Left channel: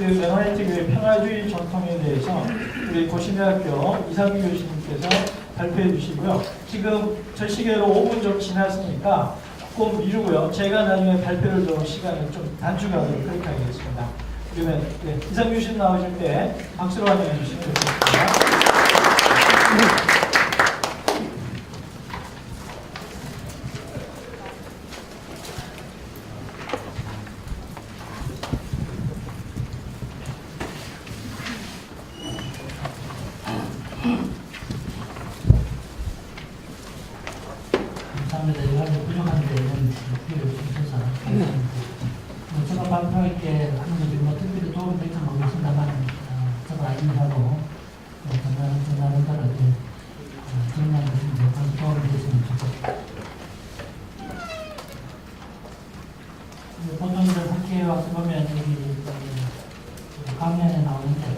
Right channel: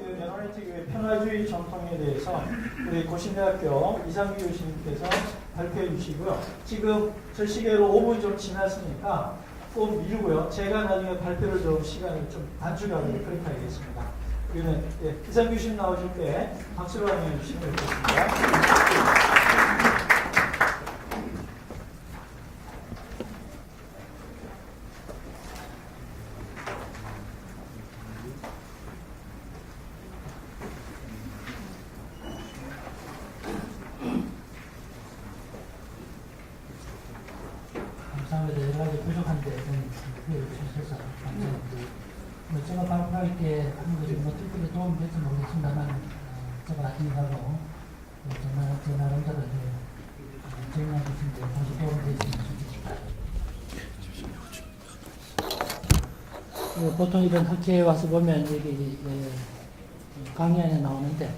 그 메노니트 평화주의 전통에 대해서 우리 고신대학교 이상규 교수님께서 발표해 주시고요. 지금 저 시계로 5분 좀 지났으니까 꼭 미루고요. 제가 나중에 발표를 좀 시간을 좀 단축하도록 그렇게 하겠습니다. 그러면 이상규 교수님 나오실 때 박수로 환영해 주시면 좋겠습니다. 감사합니다. 이거 부족한데 좀 주셔서 제가 발표할 때 뭐 특별히 도움이 될지 모르겠습니다만 제가 인사하고 전화를 따라 정리해 주시면 도움이 되셨으면 좋겠습니다. 보통 이제 학교에 와서 보면 여기 강연에 나오는데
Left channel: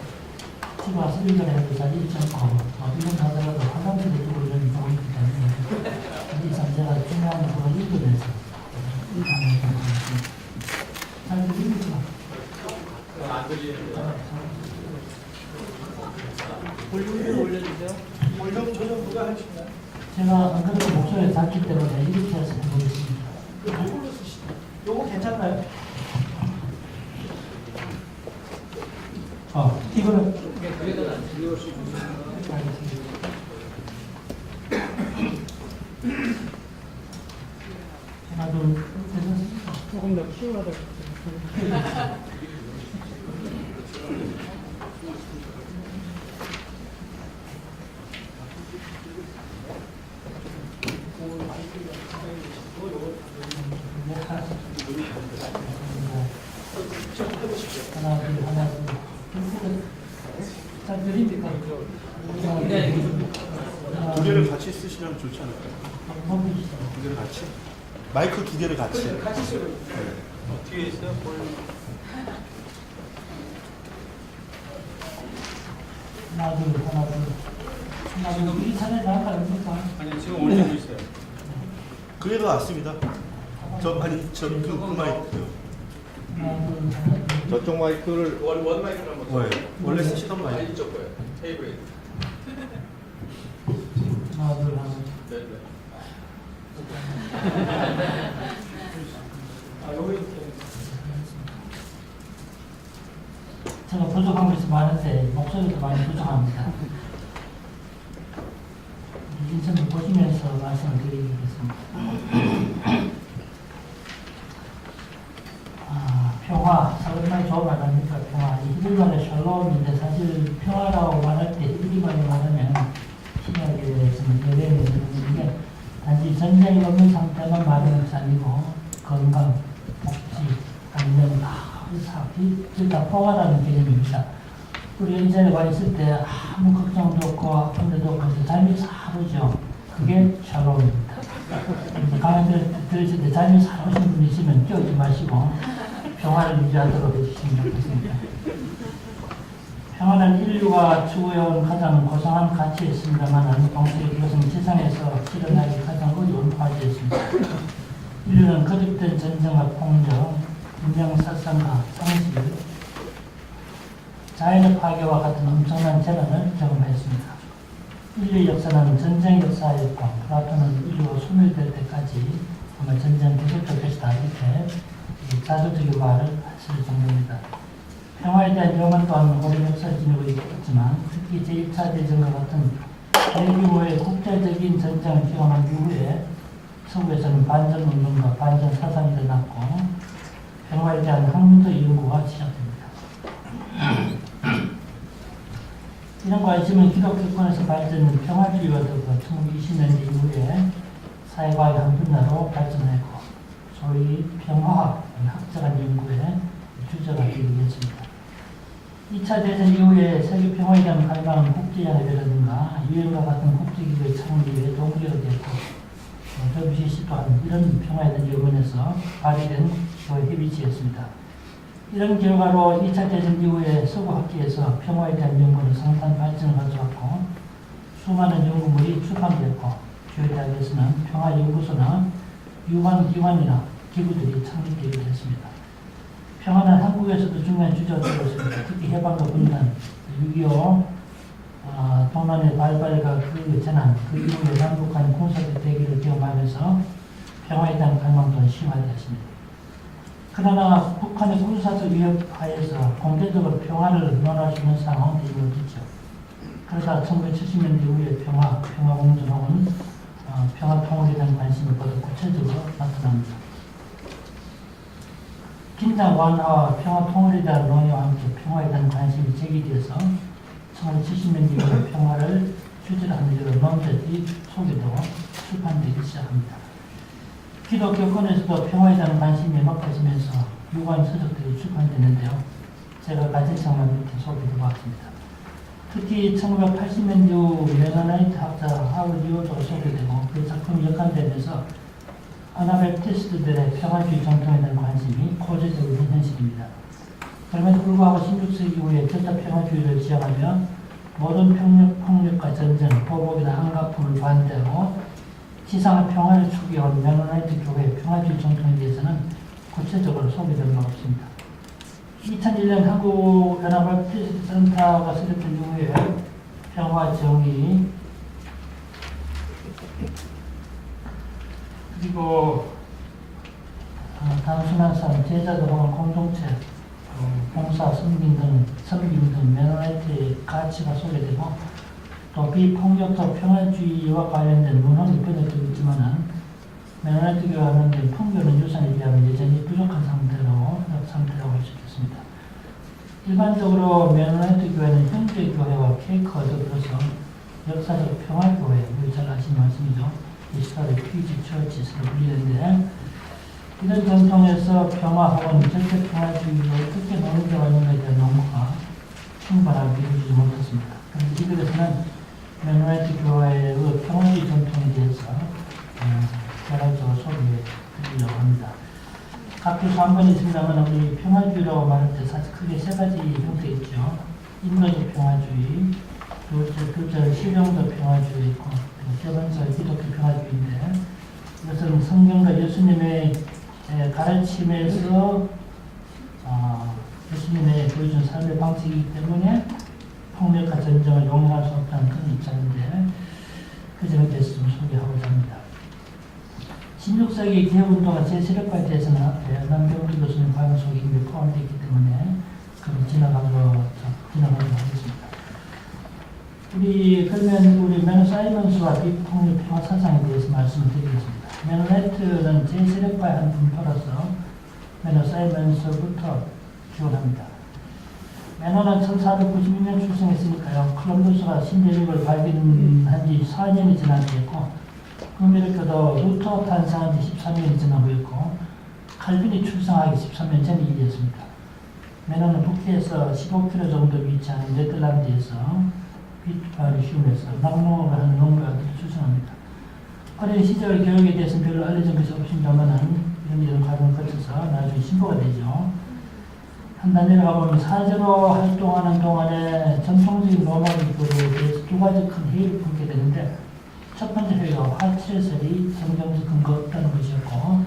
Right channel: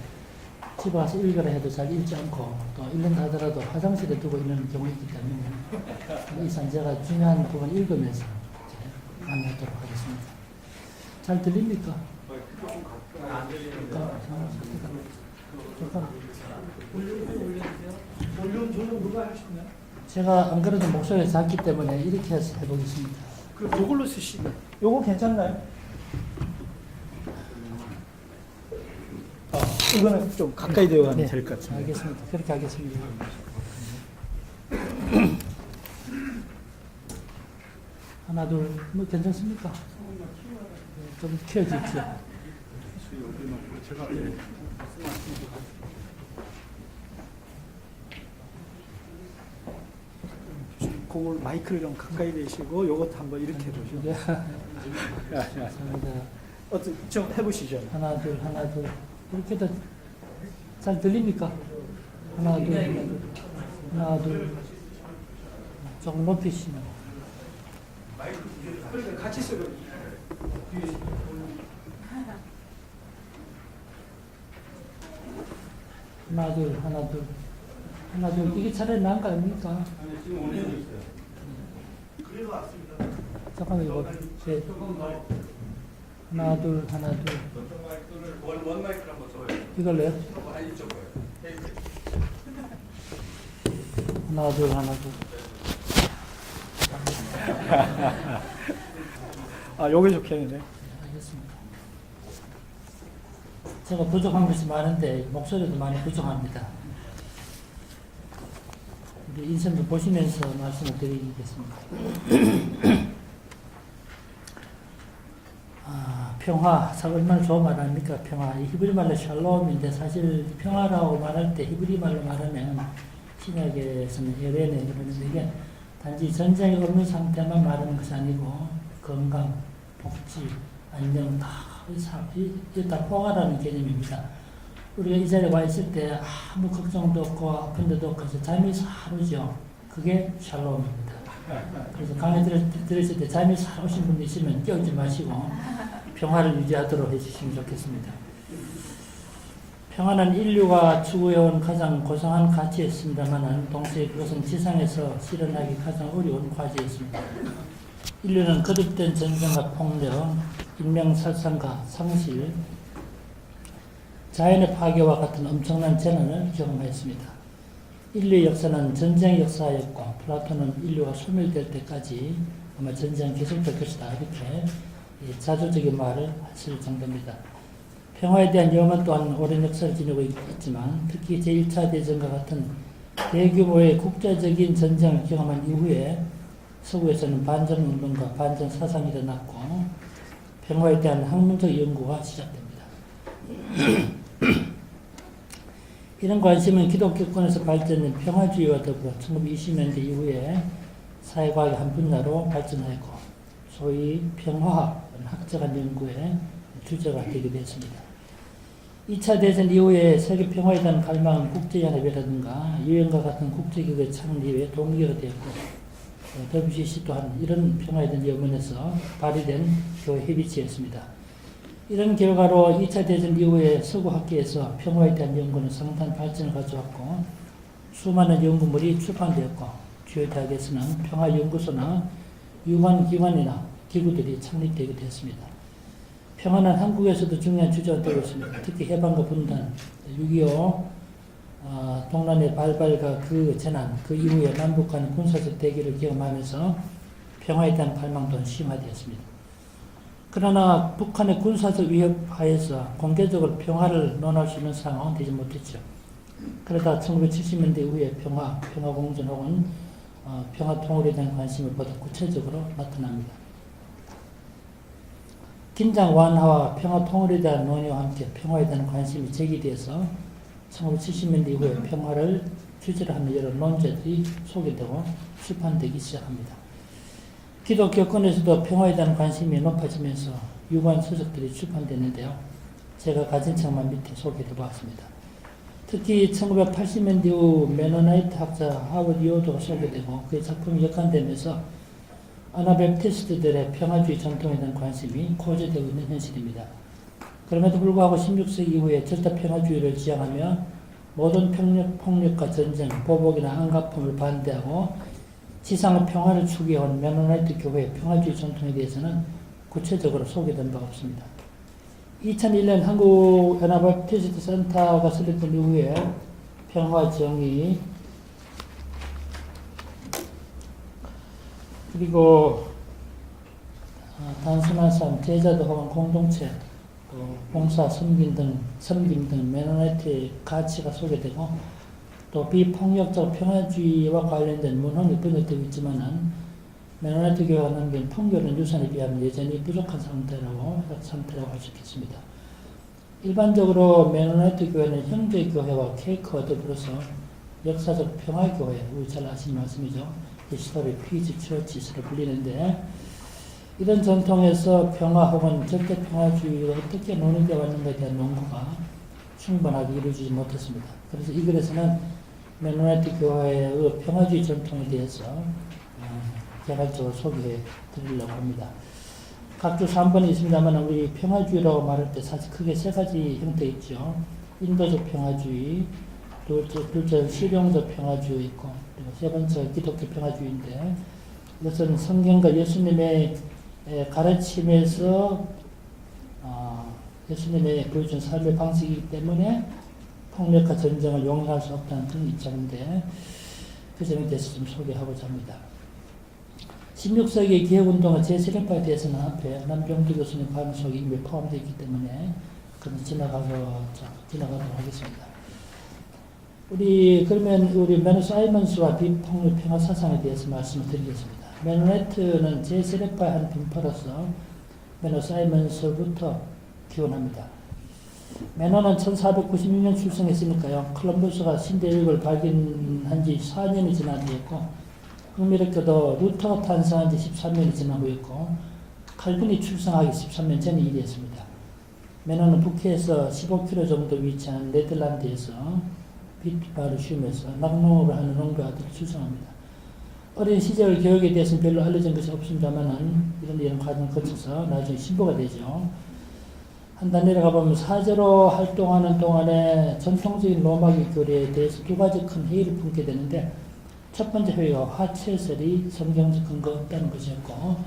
집에 와서 읽으라 해도 잘 읽지 않고 읽는다 하더라도 화장실에 두고 읽는 경우가 있기 때문에 이상 제가 중요한 부분을 읽으면서 잘 들립니까? 안 들립니다. 볼륨을 올려주세요. 볼륨 조절 누가 하시나요? 제가 안 그래도 목소리가 작기 때문에 이렇게 해서 해보겠습니다. 이걸로 쓰시나요? 요거 괜찮나요? 이거는 좀 가까이 들어가야 될 것 같습니다. 알겠습니다. 그렇게 하겠습니다. 하나, 둘, 괜찮습니까? 조금 더 키워야 될 좀 키워주십시오. 공을 마이크를 좀 가까이 대시고 요것도 한번 이렇게 어떻게 좀 해보시죠. 하나, 둘, 하나, 둘. 이렇게 잘 들립니까? 두 개를 같이 쓰시면 좋지 않을까요? 좀 높이시죠. 두 개를 같이? 마이크 두 개를 같이. 같이 쓰고 뒤에 있어요. 하나, 둘, 하나, 둘. 하나, 둘. 우리 차례 나은 거 아닙니까? 아니 지금 올리고 있어요. 그게 더 낫습니다. 그 마이크요. 하나, 둘, 하나, 둘. 저쪽 마이크를 원 마이크를 한번 네. 원래 쓰시던 마이크. 이쪽 거예요. 테이블에. 하나, 둘, 하나, 둘. 아, 요게 좋겠네. 제가 부족한 것이 많은데 목소리도 많이 부족합니다. 이 인생을 보시면서 말씀을 드리겠습니다. 평화, 얼마나 좋은 말 아닙니까? 평화. 히브리말의 샬롬인데 사실 평화라고 말할 때 히브리말로 말하면 신약에서는 예배는 이게 단지 전쟁이 없는 상태만 말하는 것이 아니고 건강, 복지, 안녕 다 포괄하는 개념입니다. 우리가 이 자리에 와 있을 때 아무 걱정도 없고 아픈 데도 없고 잠이 사르죠. 그게 샬롬입니다. 그래서 강의 들으실 때 잠이 사르신 분이 있으면 깨우지 마시고 평화를 유지하도록 해주시면 좋겠습니다. 평화는 인류가 추구해온 가장 고상한 가치였습니다만 동시에 그것은 지상에서 실현하기 가장 어려운 과제였습니다. 인류는 거듭된 전쟁과 폭력, 인명살상과 상실, 자연의 파괴와 같은 엄청난 재난을 경험했습니다. 인류의 역사는 전쟁 역사였고 플라톤은 인류가 소멸될 때까지 아마 전쟁은 계속될 것이다 이렇게 자조적인 말을 하실 정도입니다. 평화에 대한 위험은 또한 오랜 역사를 지니고 있지만 특히 제1차 대전과 같은 대규모의 국제적인 전쟁을 경험한 이후에 서구에서는 반전운동과 반전사상이 일어났고 평화에 대한 학문적 연구가 시작됩니다. 이런 관심은 기독교권에서 발전된 평화주의와 더불어 1920년대 이후에 사회과학의 한 분야로 발전했고 소위 평화학, 학자간 연구의 주제가 되기도 했습니다. 2차 대전 이후에 세계 평화에 대한 갈망은 국제연합이라든가 유엔과 같은 국제기구의 창립에 동기가 되었고 WCC 또한 이런 평화에 대한 연구에서 발휘된 교회 협의체였습니다. 이런 결과로 2차 대전 이후에 서구 학계에서 평화에 대한 연구는 상당한 발전을 가져왔고 수많은 연구물이 출판되었고 주요 대학에서는 평화연구소나 유관 기관이나 기구들이 창립되기도 했습니다. 평화는 한국에서도 중요한 주제가 되고 있습니다. 특히 해방과 분단, 6.25 동란의 발발과 그 재난, 그 이후에 남북 간 군사적 대기를 경험하면서 평화에 대한 갈망도 심화되었습니다. 그러나 북한의 군사적 위협 하에서 공개적으로 평화를 논할 수 있는 상황은 되지 못했죠. 그러다 1970년대 이후에 평화공존 혹은 평화통일에 대한 관심이 보다 구체적으로 나타납니다. 긴장 완화와 평화통일에 대한 논의와 함께 평화에 대한 관심이 제기돼서 1970년대 이후에 평화를 주제로 하는 여러 논제들이 소개되고 출판되기 시작합니다. 기독교권에서도 평화에 대한 관심이 높아지면서 유관 서적들이 출판됐는데요. 제가 가진 책만 밑에 소개해 보았습니다. 특히 1980년대 이후 메노나이트 학자 하워드 리오도 소개되고 그 작품이 역관되면서 아나벨티스트들의 평화주의 정통에 대한 관심이 고조되고 있는 현실입니다. 그럼에도 불구하고 16세기 이후에 절대 평화주의를 지향하며 모든 폭력과 전쟁, 보복이나 안가품을 반대하고 지상의 평화를 추구해온 메노나이트 교회의 평화주의 정통에 대해서는 구체적으로 소개된 바 없습니다. 2001년 한국 아나벨티스트 센터가 설립된 이후에 평화 정의 그리고 단순한 삶, 제자들 혹은 공동체, 봉사, 섬김 등 메노나이트의 가치가 소개되고 또 비폭력적 평화주의와 관련된 문헌이 번역되고 있지만은 메노나이트 교회가 남긴 통결은 유산에 비하면 여전히 부족한 상태라고 할 수 있겠습니다. 일반적으로 메노나이트 교회는 형제교회와 케이크와 더불어서 역사적 평화교회, 우리 잘 아시는 말씀이죠. 히스토리 피지 처치스를 불리는데 이런 전통에서 평화 혹은 절대 평화주의로 어떻게 논의되어 왔는가에 대한 논문가 충분하게 이루어지지 못했습니다. 그래서 이 글에서는 메노나이트 교회의 평화주의 전통에 대해서 개괄적으로 소개해 드리려고 합니다. 각 주 3번이 있습니다만 우리 평화주의라고 말할 때 사실 크게 세 가지 형태 있죠. 인도적 평화주의, 둘째 실용적 평화주의 있고 세 번째 기독교 평화주의인데 이것은 성경과 예수님의 가르침에서 예수님의 보여준 삶의 방식이기 때문에 폭력과 전쟁을 용인할 수 없다는 큰 입장인데 그 점에 대해서 좀 소개하고자 합니다. 16세기 기획운동의 제7회파에 대해서는 앞에 남병주 교수님 발언 속에 이미 포함되어 있기 때문에 그럼 지나가도록 하겠습니다. 우리 메노 사이먼스와 비폭력 평화 사상에 대해서 말씀을 드리겠습니다. 메노나이트는 제7회파의 한 분파로서 메노 사이먼스부터 기원합니다. 메노는 1496년 출생했으니까요. 콜럼버스가 신대륙을 발견한 지 4년이 지난 후였고 흥미롭게도 루터가 탄생한 지 13년이 지난 후였고 칼빈이 출생하기 13년 전의 일이었습니다. 메노는 북해에서 15km 정도 위치한 네덜란드에서 비트바르슘에서 낙농으로 하는 농가를 출생합니다. 어린 시절 교육에 대해서는 별로 알려진 것이 없습니다만 이런 과정을 거쳐서 나중에 신부가 되죠. 한 단 내려가 보면 사제로 활동하는 동안에 전통적인 로마기 교회에 대해서 두 가지 큰 회의를 품게 되는데 첫 번째 회의가 화채설이 성경적 근거가 없다는 것이었고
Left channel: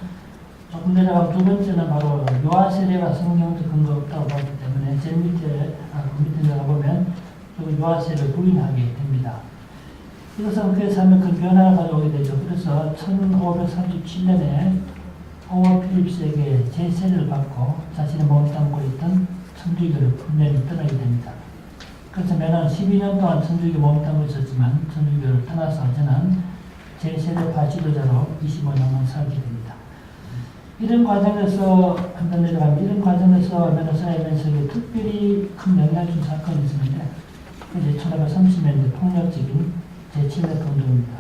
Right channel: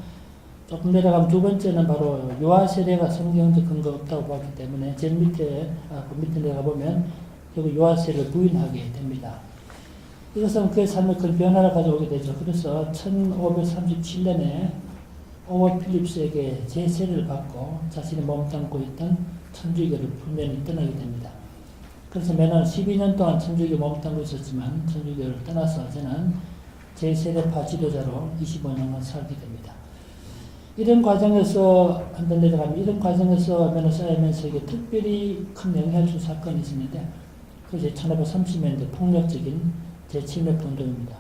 조금 내려가면 두 번째는 바로 유아 세례가 성경적 근거가 없다고 봤기 때문에 제일 밑에 내려가보면 유아 세례를 부인하게 됩니다. 이것은 그의 삶에 큰 변화를 가져오게 되죠. 그래서 1537년에 오워 필립스에게 제세를 받고 자신의 몸을 담고 있던 천주교를 분명히 떠나게 됩니다. 그래서 매년 12년 동안 천주교 몸을 담고 있었지만 천주교를 떠나서 저는 제4대파 지도자로 25년간 살게 됩니다. 이런 과정에서 한번 내려가면 이런 과정에서 메노사이먼스에게 특별히 큰 영향을 준 사건이 있었는데 그게 1530년대 폭력적인 재침입 운동입니다.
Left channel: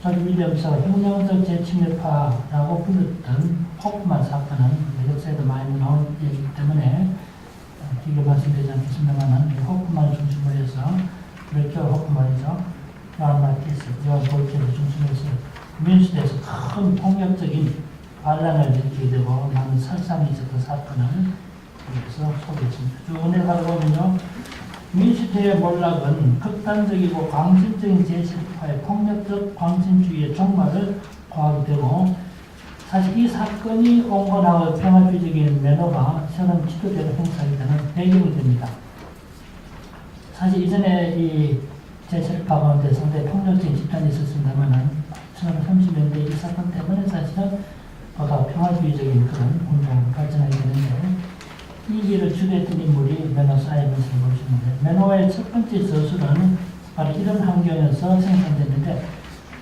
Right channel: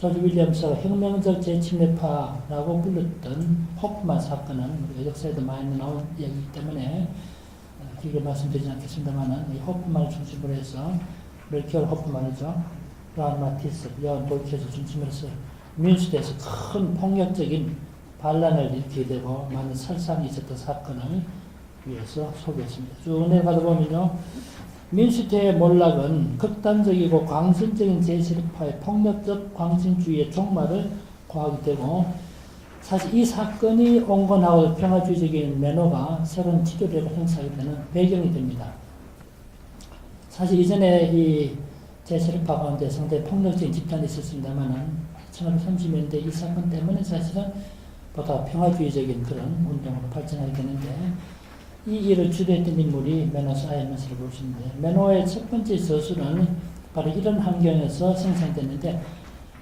조지 윌리엄스가 혁명적 재침입파라고 불렀던 호프만 사건은 역사에도 많이 나온 얘기이기 때문에 길게 말씀드리지 않겠습니다만 호프만을 중심으로 해서 멜키어 호프만이죠. 브라운 마티스, 브라운 볼케를 중심으로 해서 민주대에서 큰 폭력적인 반란을 일으키게 되고 많은 살상이 있었던 사건을 위해서 소개했습니다. 쭉 내려가다 보면요. 민주주의의 몰락은 극단적이고 광신적인 제7파의 폭력적 광신주의의 종말을 고하게 되고 사실 이 사건이 온건하고 평화주의적인 매너가 새로운 지도력을 행사하게 되는 배경이 됩니다. 사실 이전에 이 제세력파 가운데 상당히 폭력적인 집단이 있었습니다만 1930년대 이 사건 때문에 사실은 보다 평화주의적인 그런 운동으로 발전하게 되는데 이 일을 주도했던 인물이 매너 사이먼스를 보시는데 매너의 첫 번째 저술은 바로 이런 환경에서 생산됐는데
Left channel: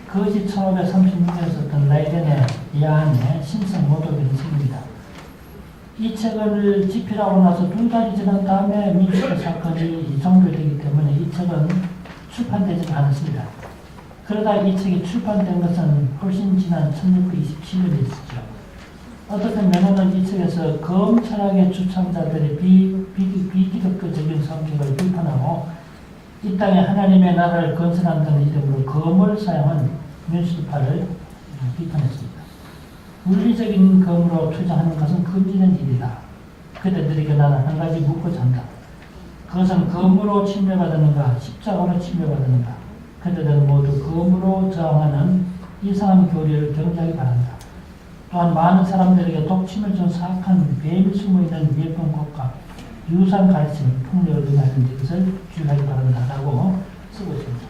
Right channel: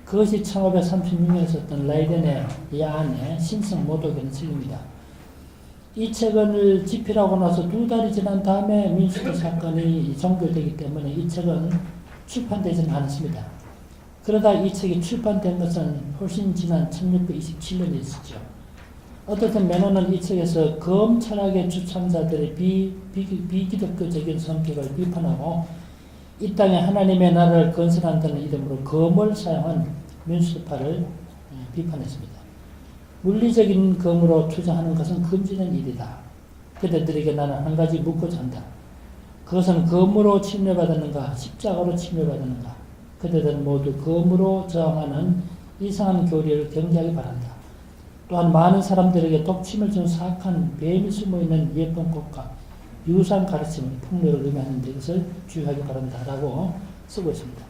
그것이 1536년에 썼던 라이덴의 야한의 신성 모독의 책입니다. 이 책을 집필하고 나서 2달이 지난 다음에 민주화 사건이 종결되기 때문에 이 책은 출판되지는 않았습니다. 그러다 이 책이 출판된 것은 훨씬 지난 1627년에 있었죠. 어떻든 매너는 이 책에서 검찰학의 주창자들의 비기독교적인 성격을 비판하고 이 땅에 하나님의 나라를 건설한다는 이름으로 검을 사용한 민수파를 비판했습니다. 물리적인 검으로 투쟁하는 것은 금지된 일이다. 그대들에게 나는 한 가지 묻고자 한다. 그것은 검으로 침례받았는가 십자가로 침례받았는가. 그대들은 모두 검으로 저항하는 이상한 교리를 경계하기 바란다. 또한 많은 사람들에게 독침을 준 사악한 뱀이 숨어있는 예쁜 꽃과 유사한 가르침을 폭력을 의미하는 것을 주의하기 바란다라고 쓰고 있습니다.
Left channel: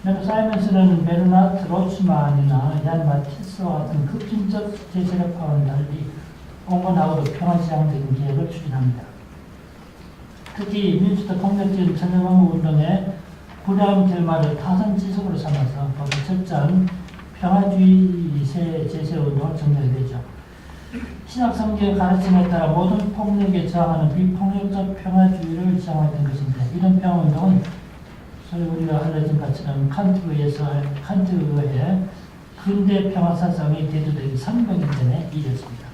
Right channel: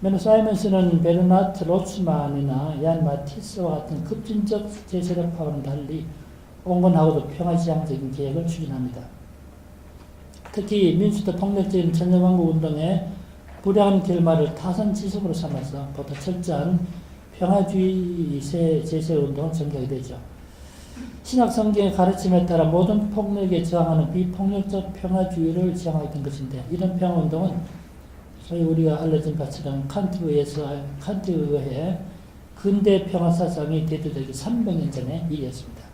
매너 사이먼스는 베르나트 로츠만이나 얀 마티스와 같은 급진적 제세력파와는 달리 온건하고도 평화지향적인 계획을 추진합니다. 특히 민주도 폭력적인 천년왕국 운동에 불의한 결말을 타선지속으로 삼아서 보다 철저한 평화주의 제세 운동을 전개하게 되죠. 신약 성경의 가르침에 따라 모든 폭력에 저항하는 비폭력적 평화주의를 지향했던 것인데 이런 평화운동은 소위 우리가 알려진 것처럼 칸트에 의해 근대 평화사상이 대두되기 300년 전에 이었습니다.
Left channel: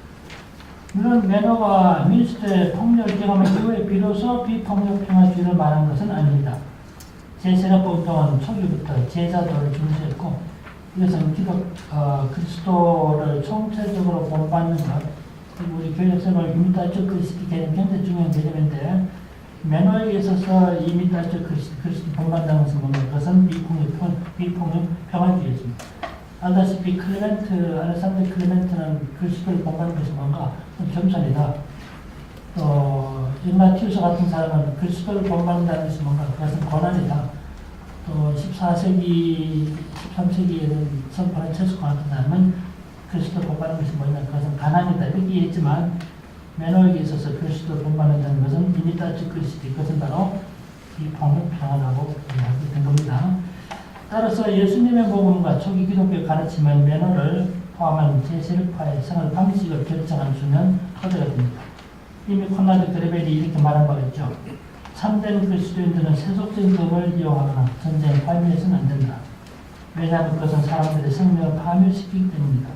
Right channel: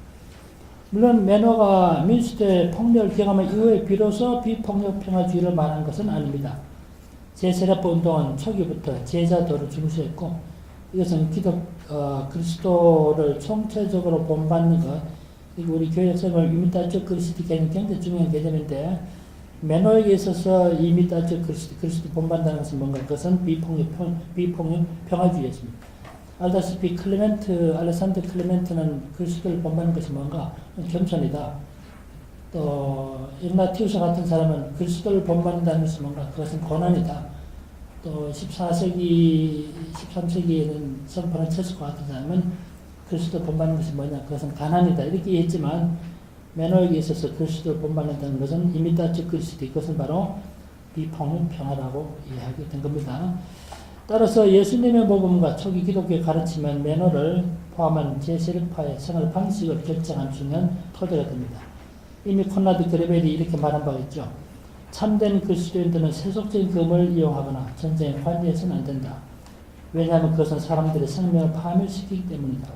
물론 매너가 민주주의 폭력을 경험한 이후에 비로소 비폭력 평화주의를 말한 것은 아닙니다. 제세력파 운동은 초기부터 제자도를 중시했고 이것은 그리스도를 총체적으로 본받는 것, 그리고 우리 교회에서는 이미타적 그리스도 개념 굉장히 중요한 개념인데 매너에 있어서 이미타적 그리스도 본받는 것은 뭔가 그것은 비폭력 평화주의였습니다. 알다시피 알렉산더 클레멘트는 그리스도를 본받는 것이 뭔가 겸손이다. 또 이그나티우스 같은 사람은 그리스도를 본받는다는 것이 뭔가 그것은 고난이다. 또 14세기, 13세기에는 성포나 체스코 같은 사람은 그리스도 본받는 것이 뭐냐, 그것은 가난이다. 이렇게 했지만 매너에 있어서 그리스도를 본받는다는 것은 이미타적 그리스도, 그것은 바로 비폭력 평화라고 이야기하게 된 겁니다. 따라서 예수님의 복음과 초기 기독교의 가르침은 매너를 포함한 제세력파의 생활 방식을 결정한 중요한 토대가 됩니다. 이미 콘라드 그레벨이 이렇게 말한 바 있죠. 참된 그리스도인들은 세속적인 검을 이용하거나 전쟁에 관여해서는 안 된다. 왜냐하면 그것은 사람들의 생명을 파멸시키기 때문이다.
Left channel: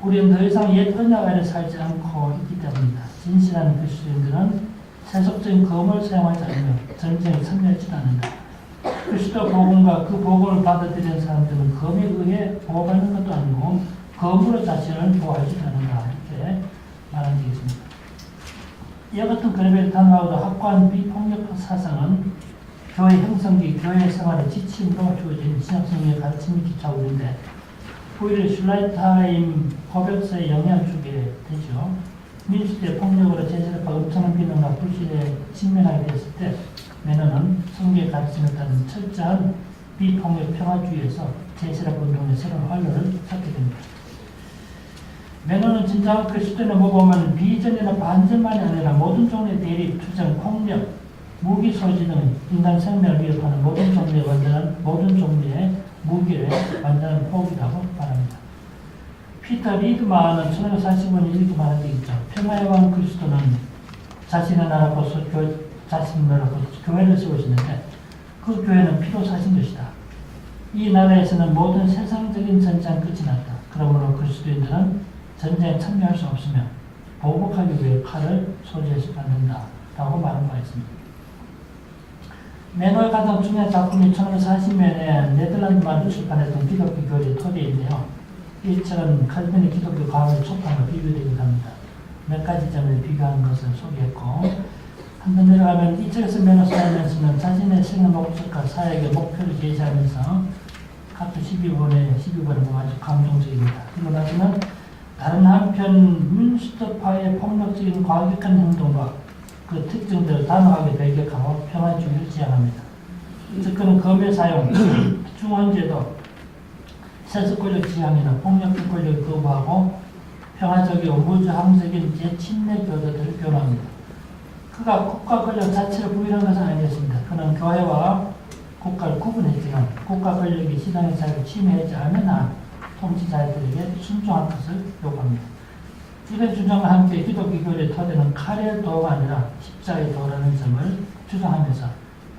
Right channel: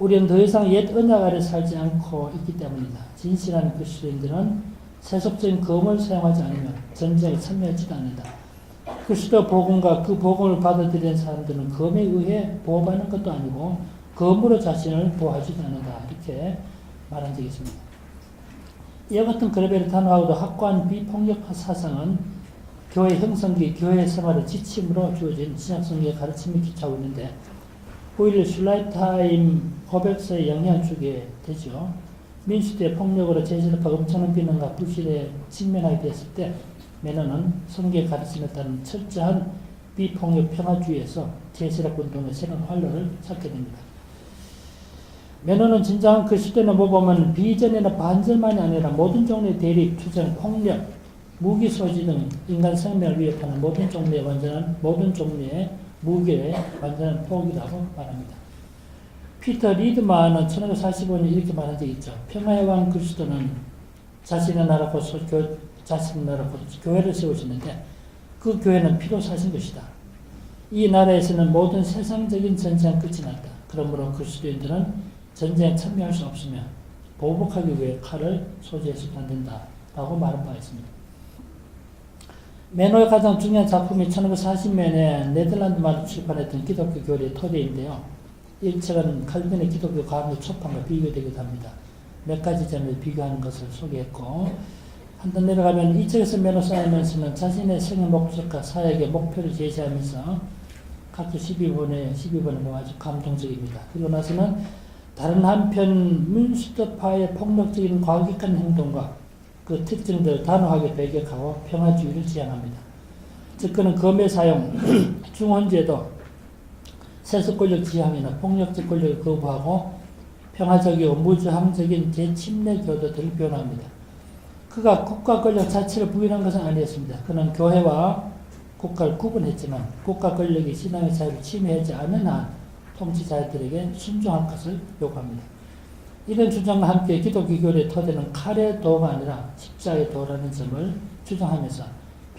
우리는 더 이상 옛 언약 아래 살지 않고 있기 때문이다. 진실한 그리스도인들은 세속적인 검을 사용하지 않으며 전쟁에 참여하지 않는다. 그리스도 복음과 그 복음을 받아들이는 사람들은 검에 의해 보호받는 것도 아니고 검으로 자신을 보호하지 않는다. 이렇게 말한 적이 있습니다. 이와 같은 그레벨 단호하고도 확고한 비폭력파 사상은 교회 형성기, 교회 생활의 지침으로 주어진 신약성경의 가르침을 기초하고 있는데 오히려 슐라이타임 고백서에 영향을 주게 되죠. 민수대의 폭력으로 제세력과 엄청난 비난과 불신에 직면하게 됐을 때 매너는 성경의 가르침에 따른 철저한 비폭력 평화주의에서 제세력 운동의 새로운 활로를 찾게 됩니다. 매너는 진정한 그리스도인의 모범은 비전이나 반전만이 아니라 모든 종류의 대립, 투쟁, 폭력, 무기 소지 등 인간 생명을 위협하는 모든 종류의 무기의 완전한 포기라고 말합니다. 피터 리드만은 1945년에 이렇게 말한 적이 있죠. 평화의 왕 그리스도는 자신의 나라 곧 교회를 세우시는데 그 교회는 피로 사신 것이다. 이 나라에서는 모든 세상적인 전쟁은 끝이 났다. 그러므로 그리스도인들은 전쟁에 참여할 수 없으며 보복하기 위해 칼을 소지해서는 안 된다. 라고 말한 바가 있습니다. 매너의 가장 중요한 작품이 1940년에 네덜란드만 출판했던 기독교 교리 토대인데요. 이 책은 칼빈의 기독교 강의 초판과 비교되기도 합니다. 몇 가지 점을 비교한 것을 소개했고 한번 내려가면 이 책에서 매너 사이먼스는 자신의 생애 목적과 사역의 목표를 제시하면서 각주 12번에 아주 감동적입니다. 그리고 나서는 다른 한편 민주주의파의 폭력적인 과격한 행동과 그 특징들을 단호하게 배격하고 평화주의를 지향합니다. 즉 그는 검의 사용, 중원제도, 세속 권력 지향이나 폭력적 권력을 거부하고 평화적이고 무저항적인 제침례 교도들을 표현합니다. 그가 국가 권력 자체를 부인한 것은 아니었습니다. 그는 교회와 국가를 구분했지만 국가 권력이 신앙의 자유를 침해하지 않는 한 통치자들에게 순종할 것을 요구합니다. 이런 주장과 함께 기독교 교리의 토대는 칼의 도가 아니라 십자가의 도라는 점을 주장하면서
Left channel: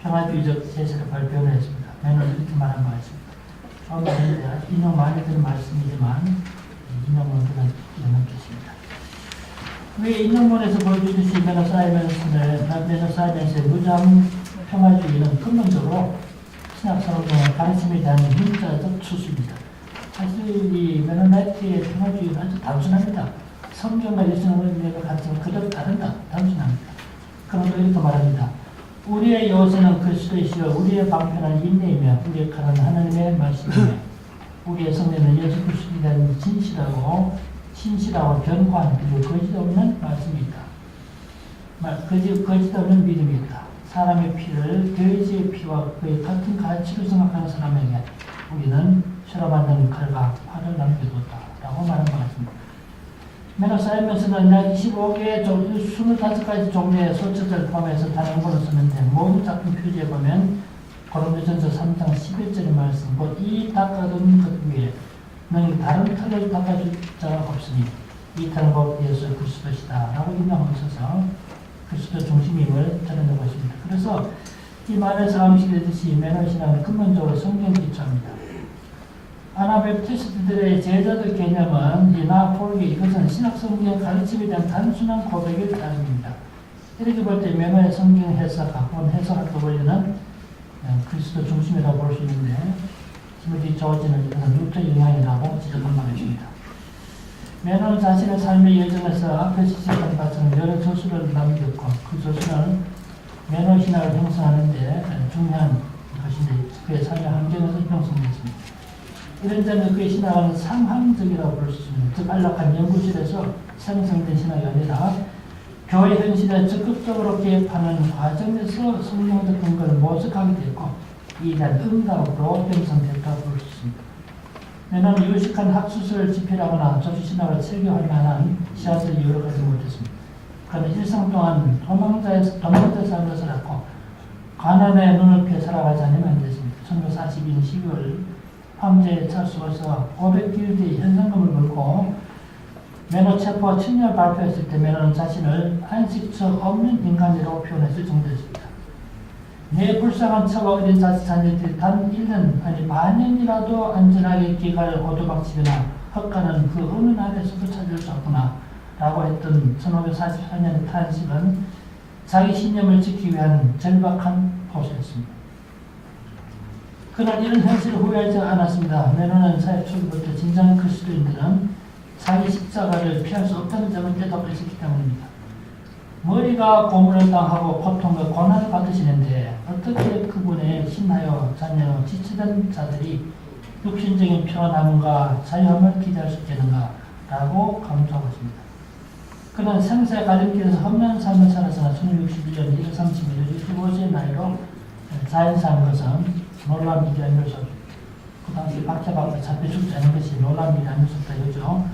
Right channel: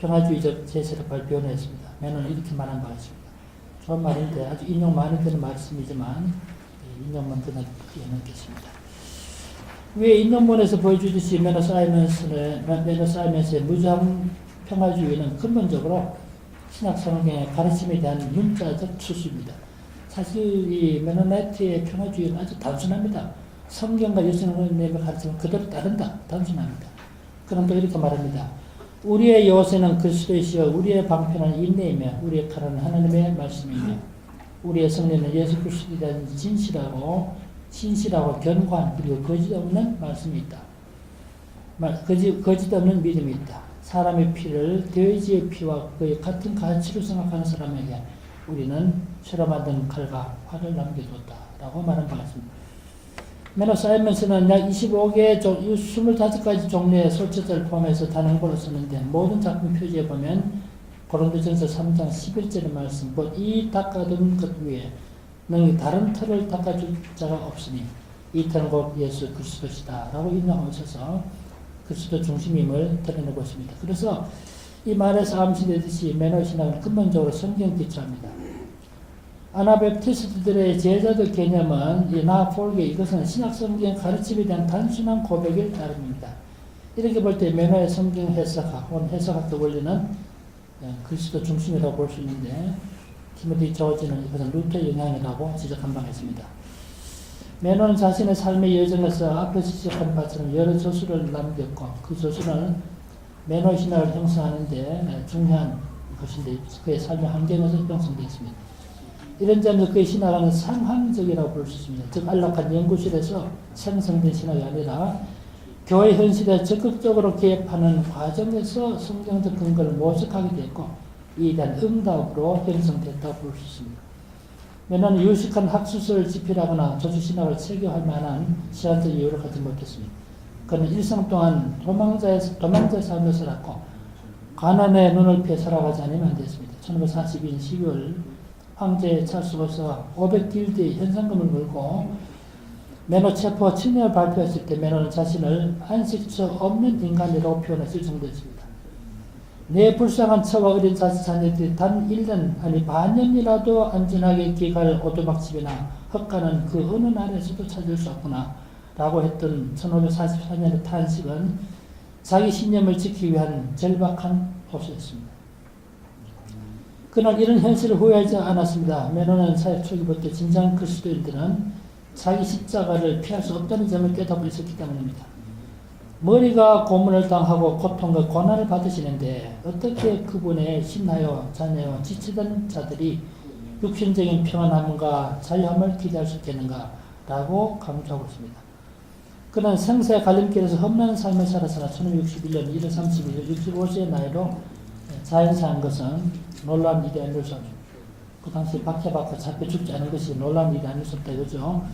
평화주의적 제세를 발표했습니다. 매는 이렇게 말한 것 같습니다. 좋은 말인데 아주 인용 많이 드는 말씀이지만 인용은 그냥 끼워넣겠습니다. 왜 인용문에서 보여주듯이 매너 사이먼스의 무장 평화주의는 근본적으로 신학성경의 가르침에 대한 문자적 추수입니다. 사실 이 메노나이트의 평화주의는 아주 단순합니다. 성경과 예수님의 가르침을 그대로 따른다. 단순합니다. 그럼 또 이렇게 말합니다. 우리의 요새는 그리스도이시여 우리의 방편은 인내이며 우리의 칼은 하나님의 말씀이며 우리의 성례는 예수 그리스도에 대한 진실하고 견고한 그리고 거짓 없는 말씀이 있다. 거짓 없는 믿음이 있다. 사람의 피를 돼지의 피와 그의 같은 가치로 생각하는 사람에게 우리는 새로 만든 칼과 활을 남겨뒀다. 라고 말한 것 같습니다. 메너 사이먼스는 약 25개의 25가지 종류의 소처자를 포함해서 단행본을 썼는데 모든 작품 표지에 보면 고린도전서 3장 11절의 말씀 곧 이 닦아둔 것 위에 너희 다른 털을 닦아줄 자가 없으니 이 털은 곧 예수 그리스도시다 라고 인용하셔서 그리스도 중심임을 드러내고 있습니다. 그래서 이 말을 사무시되듯이 메너 신앙은 근본적으로 성경 기초합니다. 아나벨티스트들의 제자도 개념은 이 나폴게 이것은 신약 성경 가르침에 대한 단순한 고백을 따릅니다. 이렇게 볼 때 메노의 성경 해석학적 원리는 그리스도 중심이라고 볼 수 있는데 티모티 조지는 이것은 루터 영향이라고 지적한 바가 있습니다. 메노는 자신의 삶의 여정에서 앞에서 지적한 것처럼 여러 저술을 남겼고 그 저술은 메노 신학을 형성하는데 중요한 것인데 그의 삶의 환경에서 형성되었습니다. 이런 점에서 그의 신학은 상황적이라고 볼 수 있습니다. 즉 안락한 연구실에서 생성된 신학이 아니라 교회 현실에 적극적으로 개입하는 과정에서 성경적 근거를 모색하게 됐고 이에 대한 응답으로 형성됐다고 볼 수 있습니다. 매는 유식한 학술서를 집필하거나 조직신학을 체계할 만한 시한적 이유를 가지 못했습니다. 그는 일생 동안 도망자의 삶을 살았고 가난의 눈을 피해 살아가지 않으면 안 됐습니다. 1942년 12월 황제 찰스로서 500딜드의 현상금을 물고 메노 체포 청년을 발표했을 때 메노는 자신을 안식처 없는 인간이라고 표현했을 정도였습니다. 내 불쌍한 처와 어린 자녀들이 단 1년 아니 반년이라도 안전하게 길갈 오두막집이나 헛가는 그 어느 날에서도 찾을 수 없구나 라고 했던 1544년의 탄식은 자기 신념을 지키기 위한 절박한 호소였습니다. 그러나 이런 현실을 후회하지 않았습니다. 메노는 사회 초기부터 진정 그리스도인들은 자기 십자가를 피할 수 없다는 점을 깨닫고 있었기 때문입니다. 머리가 고문을 당하고 고통과 고난을 받으시는데 어떻게 그분의 신하여 자녀 지치던 자들이 육신적인 평안함과 자유함을 기대할 수 있겠는가 라고 강조하고 있습니다. 그는 생사의 갈림길에서 험난한 삶을 살아서 1961년 1월 31일 65세의 나이로 자연사한 것은 놀라운 일이 아닐 수 없습니다. 그 당시 박해받고 잡혀 죽지 않은 것이 놀라운 일이 아닐 수 없다 이거죠.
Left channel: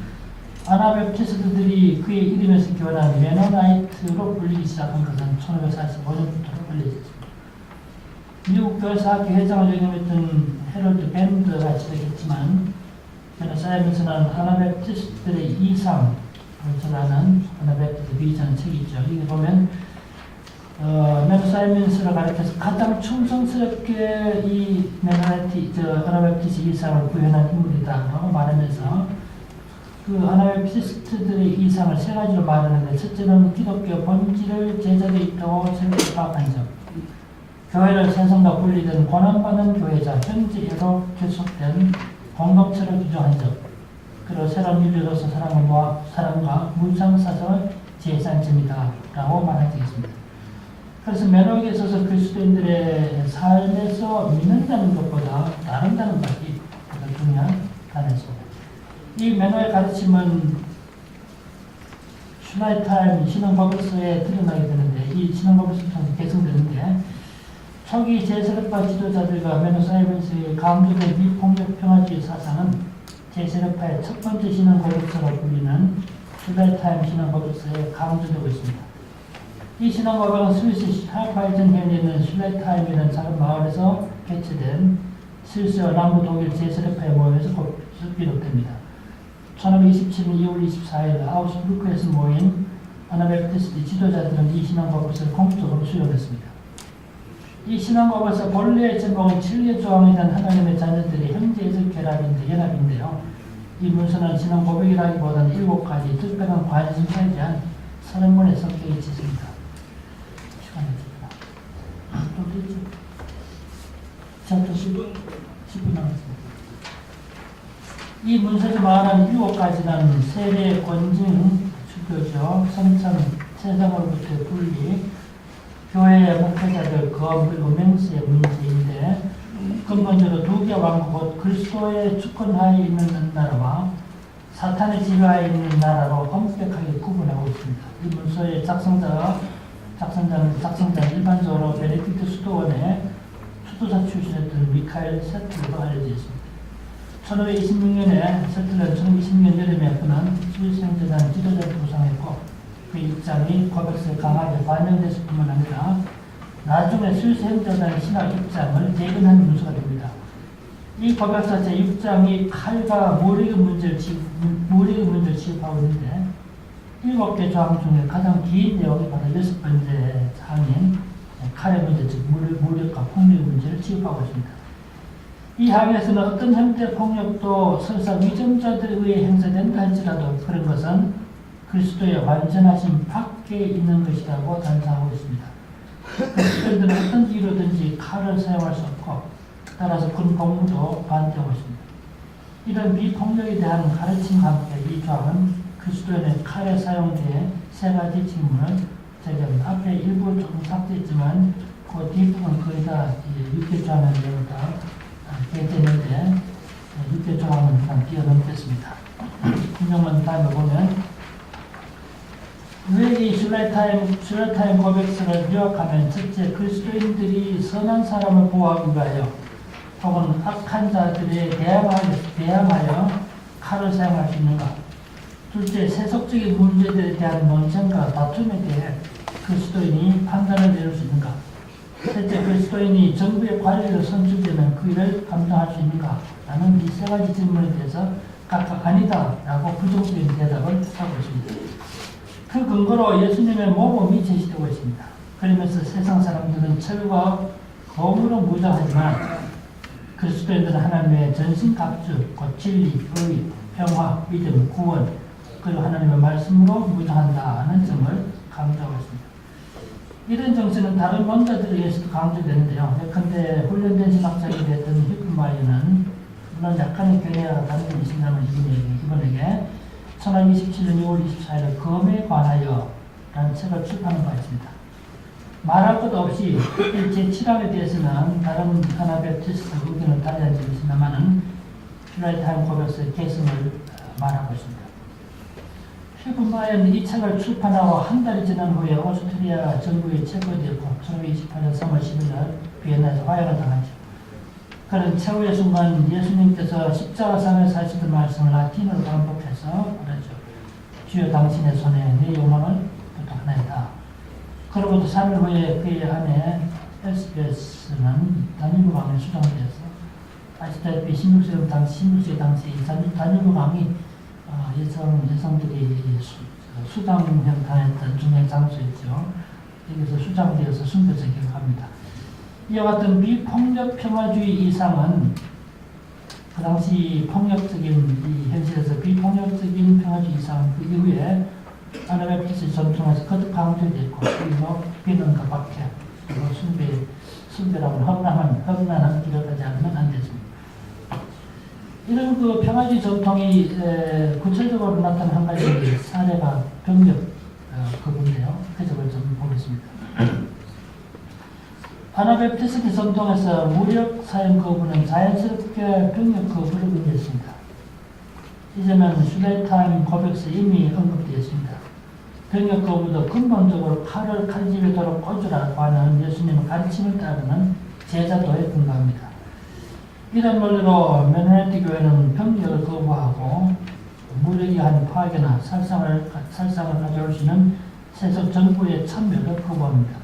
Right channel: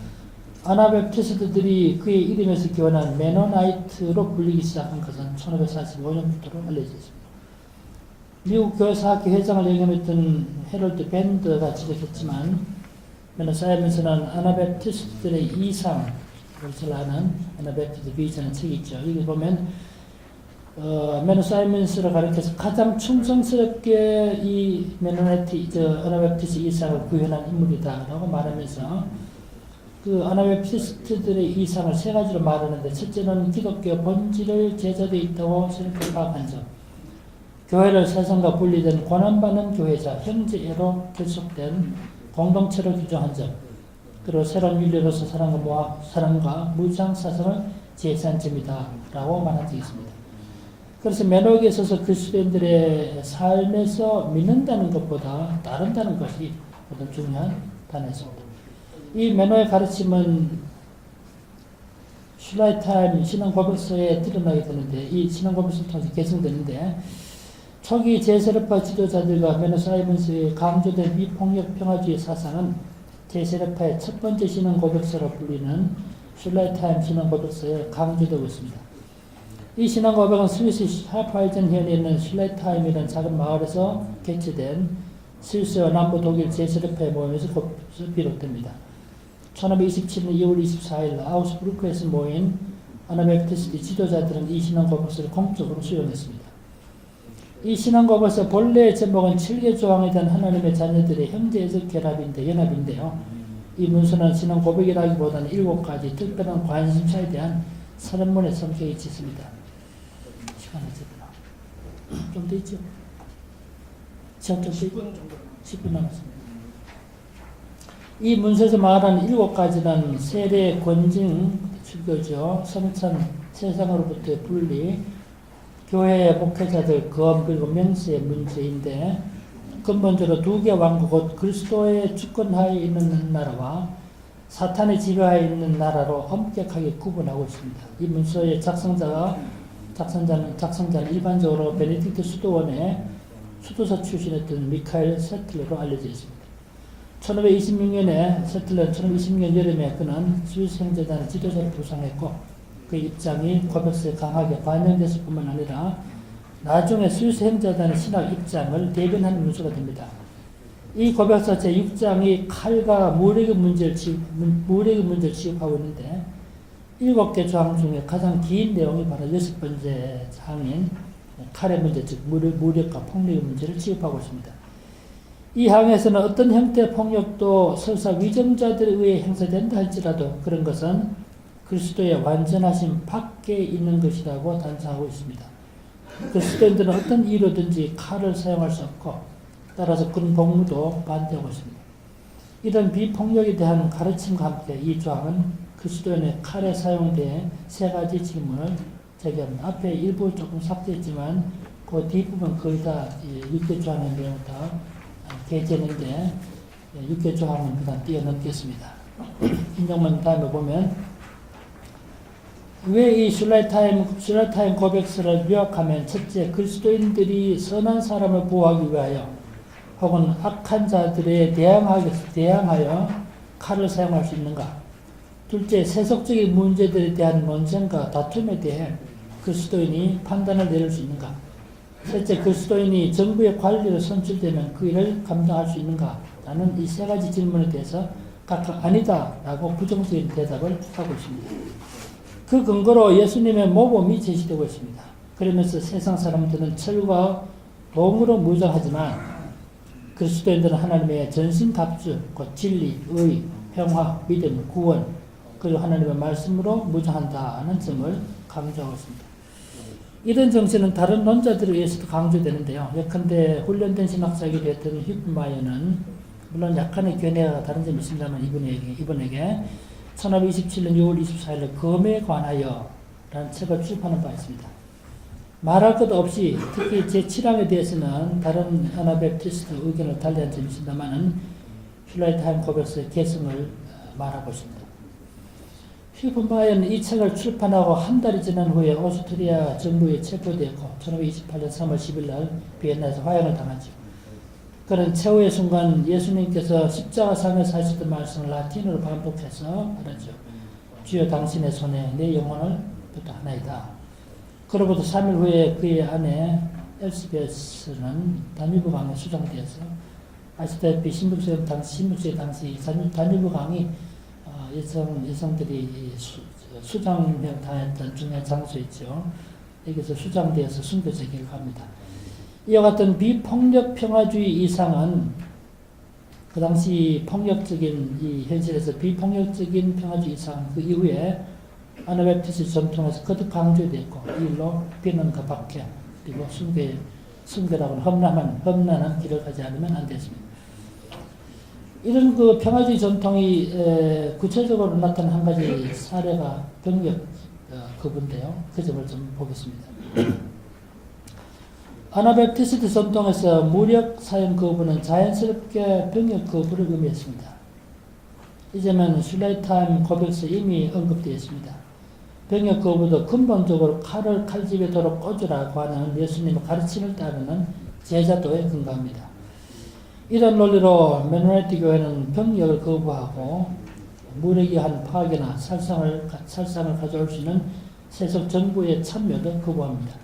아나벨티스트들이 그의 이름에서 기원한 메노나이트로 불리기 시작한 것은 1545년부터 알려져 있습니다. 미국 교회사학회 회장을 역임했던 헤럴드 밴드가 지적했지만 메노 사이먼스는 아나벨티스트들의 이상을 하는 아나벨티스트 비전한 책이 있죠. 여기 보면 메노 사이먼스를 가리켜서 가장 충성스럽게 이 아나벨티스 이상을 구현한 인물이다라고 말하면서 그 아나벨티스트들의 이상을 세 가지로 말하는데 첫째는 기독교 본질을 제자되어 있다고 생각을 파악한 점, 교회를 세상과 분리된 고난받는 교회자 현재로 결속된 공동체로 규정한 점, 그리고 새로운 인류로서 사랑과 무상 사상을 제시한 점이다 라고 말한 적이 있습니다. 그래서 메노에게 있어서 그리스도인들의 삶에서 믿는다는 것보다 따른다는 것이 가장 중요한 단어입니다. 이 메노의 가르침은 슐라이타임 신앙고백서에 드러나게 되는데 이 신앙고백서를 통해서 개성되는데 초기 제세력파 지도자들과 베네사이먼스의 강조된 미폭력 평화주의 사상은 제세력파의 첫 번째 신앙고백서로 불리는 슐라이타임 신앙고백서에 강조되고 있습니다. 이 신앙고백은 스위스 하파이젠현에 있는 슐라이타임이라는 작은 마을에서 개최된 스위스와 남부 독일 제세력파의 모임에서 비롯됩니다. 1527년 2월 24일 아우스부르크에서 모인 아나벨티스트 지도자들은 이 신앙고백서를 공식적으로 수용했습니다. 이 신앙고백서 본래의 제목은 7개 조항에 대한 하나님의 자녀들의 형제적 연합인데요. 이 문서는 신앙고백이라기보다는 7가지 특별한 관심사에 대한 서른문의 성격이 짙습니다. 시간이 됐구나. 또 있죠? 시간 좀 10분 남았습니다. 이 문서에서 말하는 7가지는 세례, 권징, 주교죠. 성찬, 세상으로부터의 분리, 교회의 목회자들, 검, 그리고 명세의 문제인데 근본적으로 2개 왕국, 곧 그리스도의 주권하에 있는 나라와 사탄의 지배하에 있는 나라로 엄격하게 구분하고 있습니다. 이 문서의 작성자는 일반적으로 베네딕트 수도원의 수도사 출신이었던 미카엘 세틀러로 알려져 있습니다. 1526년에 세틀러는 1520년 여름에 그는 스위스 형제단 지도자를 부상했고 그 입장이 고백서에 강하게 반영됐을 뿐만 아니라 나중에 스위스 형제단의 신학 입장을 대변한 문서가 됩니다. 이 고백서 제6장이 칼과 무력의 문제를 취급하고 있는데 7개 조항 중에 가장 긴 내용이 바로 6번째 항인 칼의 문제, 즉 무력과 폭력의 문제를 취급하고 있습니다. 이 항에서는 어떤 형태의 폭력도 설사 위정자들에 의해 행사된다 할지라도 그런 것은 그리스도의 완전하심 밖에 있는 것이라고 단정하고 있습니다. 그리스도인들은 어떤 이유로든지 칼을 사용할 수 없고 따라서 군 복무도 반대하고 있습니다. 이런 비폭력에 대한 가르침과 함께 이 조항은 그리스도인의 칼에 사용된 3가지 질문을 제기합니다. 앞에 일부 조금 삭제했지만 그 뒷부분 거의 다 6개 조항의 내용을 다 개재했는데 6개 조항은 그냥 뛰어넘겠습니다. 인정만 다음에 보면 왜 이 슐라이타임 고백서를 요약하면 첫째, 그리스도인들이 선한 사람을 보호하기 위하여 혹은 악한 자들에 대항하여 칼을 사용할 수 있는가? 둘째, 세속적인 문제들에 대한 논쟁과 다툼에 대해 그리스도인이 판단을 내릴 수 있는가? 셋째, 그리스도인이 정부의 관리로 선출되면 그 일을 감당할 수 있는가? 라는 이 3가지 질문에 대해서 각각 아니다 라고 부정적인 대답을 하고 있습니다. 그 근거로 예수님의 모범이 제시되고 있습니다. 그러면서 세상 사람들은 철과 검으로 무장하지만 그리스도인들은 하나님의 전신갑주, 곧 진리, 의, 평화, 믿음, 구원, 그리고 하나님의 말씀으로 무장한다는 점을 강조하고 있습니다. 이런 정신은 다른 논자들에 의해서도 강조되는데요. 예컨대 훈련된 신학자에게 됐던 히프마이어는 물론 약간의 견해가 다른 점이 있습니다만 이분에게 1527년 6월 24일 검에 관하여 라는 책을 출판한 바 있습니다. 말할 것도 없이 특히 제7항에 대해서는 다른 아나벨티스트 의견을 달리한 점이 있습니다만 슐라이타임 고백서의 개성을 말하고 있습니다. 히프마이어는 이 책을 출판하고 한 달이 지난 후에 오스트리아 정부에 체포되었고 1528년 3월 10일 날 비엔나에서 화형을 당하죠. 그는 최후의 순간 예수님께서 십자가상에서 하시던 말씀을 라틴어로 반복해서 그러죠. 주여 당신의 손에 내 영혼을 부탁하나이다. 그로부터 3일 후에 그의 아내 엘스베스는 다뉴브 강에 수장되어서 아시다시피 16세기 당시 다뉴브 강이 여성들이 수장을 당했던 중요한 장소였죠. 여기서 수장되어서 순교를 기록합니다. 이와 같은 비폭력 평화주의 이상은 그 당시 폭력적인 이 현실에서 비폭력적인 평화주의 이상 그 이후에 아나벨티스 전통에서 거듭 강조되었고 그리고 비난과 박해 그리고 순교라고는 험난한 길을 가지 않으면 안 됐습니다. 이런 그 평화주의 전통이 구체적으로 나타난 한 가지 사례가 병력 거부인데요. 그 점을 좀 보겠습니다. 아나벨티스트 전통에서 무력 사용 거부는 자연스럽게 병력 거부를 의미했습니다. 이 점은 슐라이타임 고백서에 이미 언급되었습니다. 병역 거부도 근본적으로 칼집에 도로 꽂으라고 하는 예수님의 가르침을 따르는 제자도에 근거합니다. 이런 논리로 메노네트 교회는 병역을 거부하고 무력이 한 파괴나 살상을 가져올 수 있는 세속 정부의 참여를 거부합니다.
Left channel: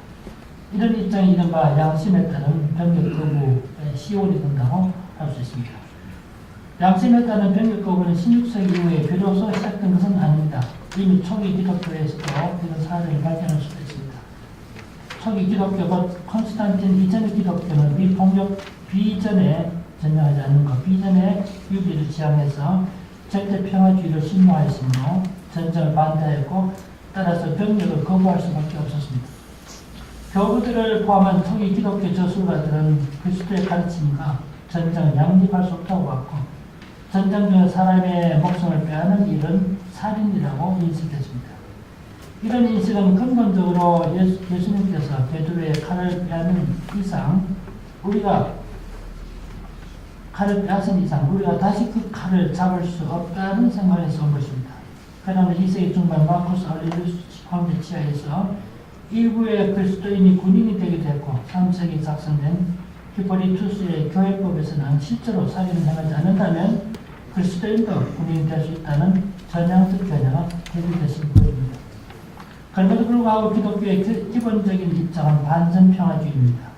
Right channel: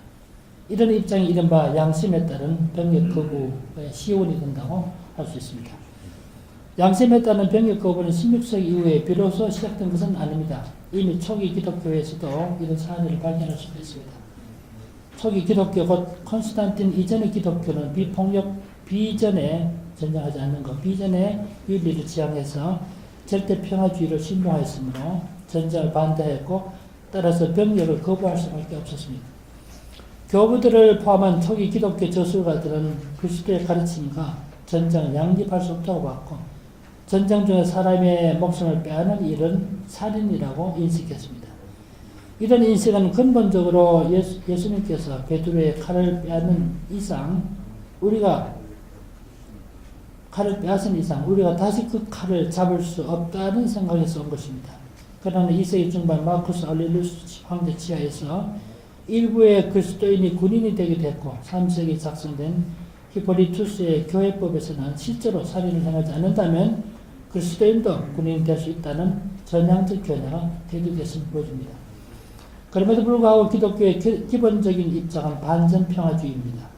이런 입장이 이른바 양심에 따른 병역 거부의 시온이 된다고 할 수 있습니다. 양심에 따른 병역 거부는 16세기 이후에 비로소 시작된 것은 아닙니다. 이미 초기 기독교에서도 이런 사례를 발견할 수도 있습니다. 초기 기독교 곧 콘스탄틴 이전의 기독교는 비폭력 비전에 전념하지 않는 것, 비전에 윤리를 지향해서 절대 평화주의를 신봉하였으므로 전쟁을 반대했고 따라서 병력을 거부할 수밖에 없었습니다. 교부들을 포함한 초기 기독교 저술가들은 그리스도의 가르침과 전쟁을 양립할 수 없다고 봤고 전쟁 중에 사람의 목숨을 빼앗는 일은 살인이라고 인식했습니다. 이런 인식은 근본적으로 예수님께서 베드로의 칼을 빼앗는 이상 우리가 다시 그 칼을 잡을 수 없다는 생각에서 온 것입니다. 그러나 2세기 중반 마쿠스 아urelius 황제 치하에서 일부의 그리스도인이 군인이 되게 됐고 3세기 작성된 히포리투스의 교회법에서는 실제로 살인을 행하지 않는다면 그리스도인도 군인이 될 수 있다는 전향적 견해가 대두됐음을 보여줍니다. 그럼에도 불구하고 기독교의 기본적인 입장은 반전평화주의입니다.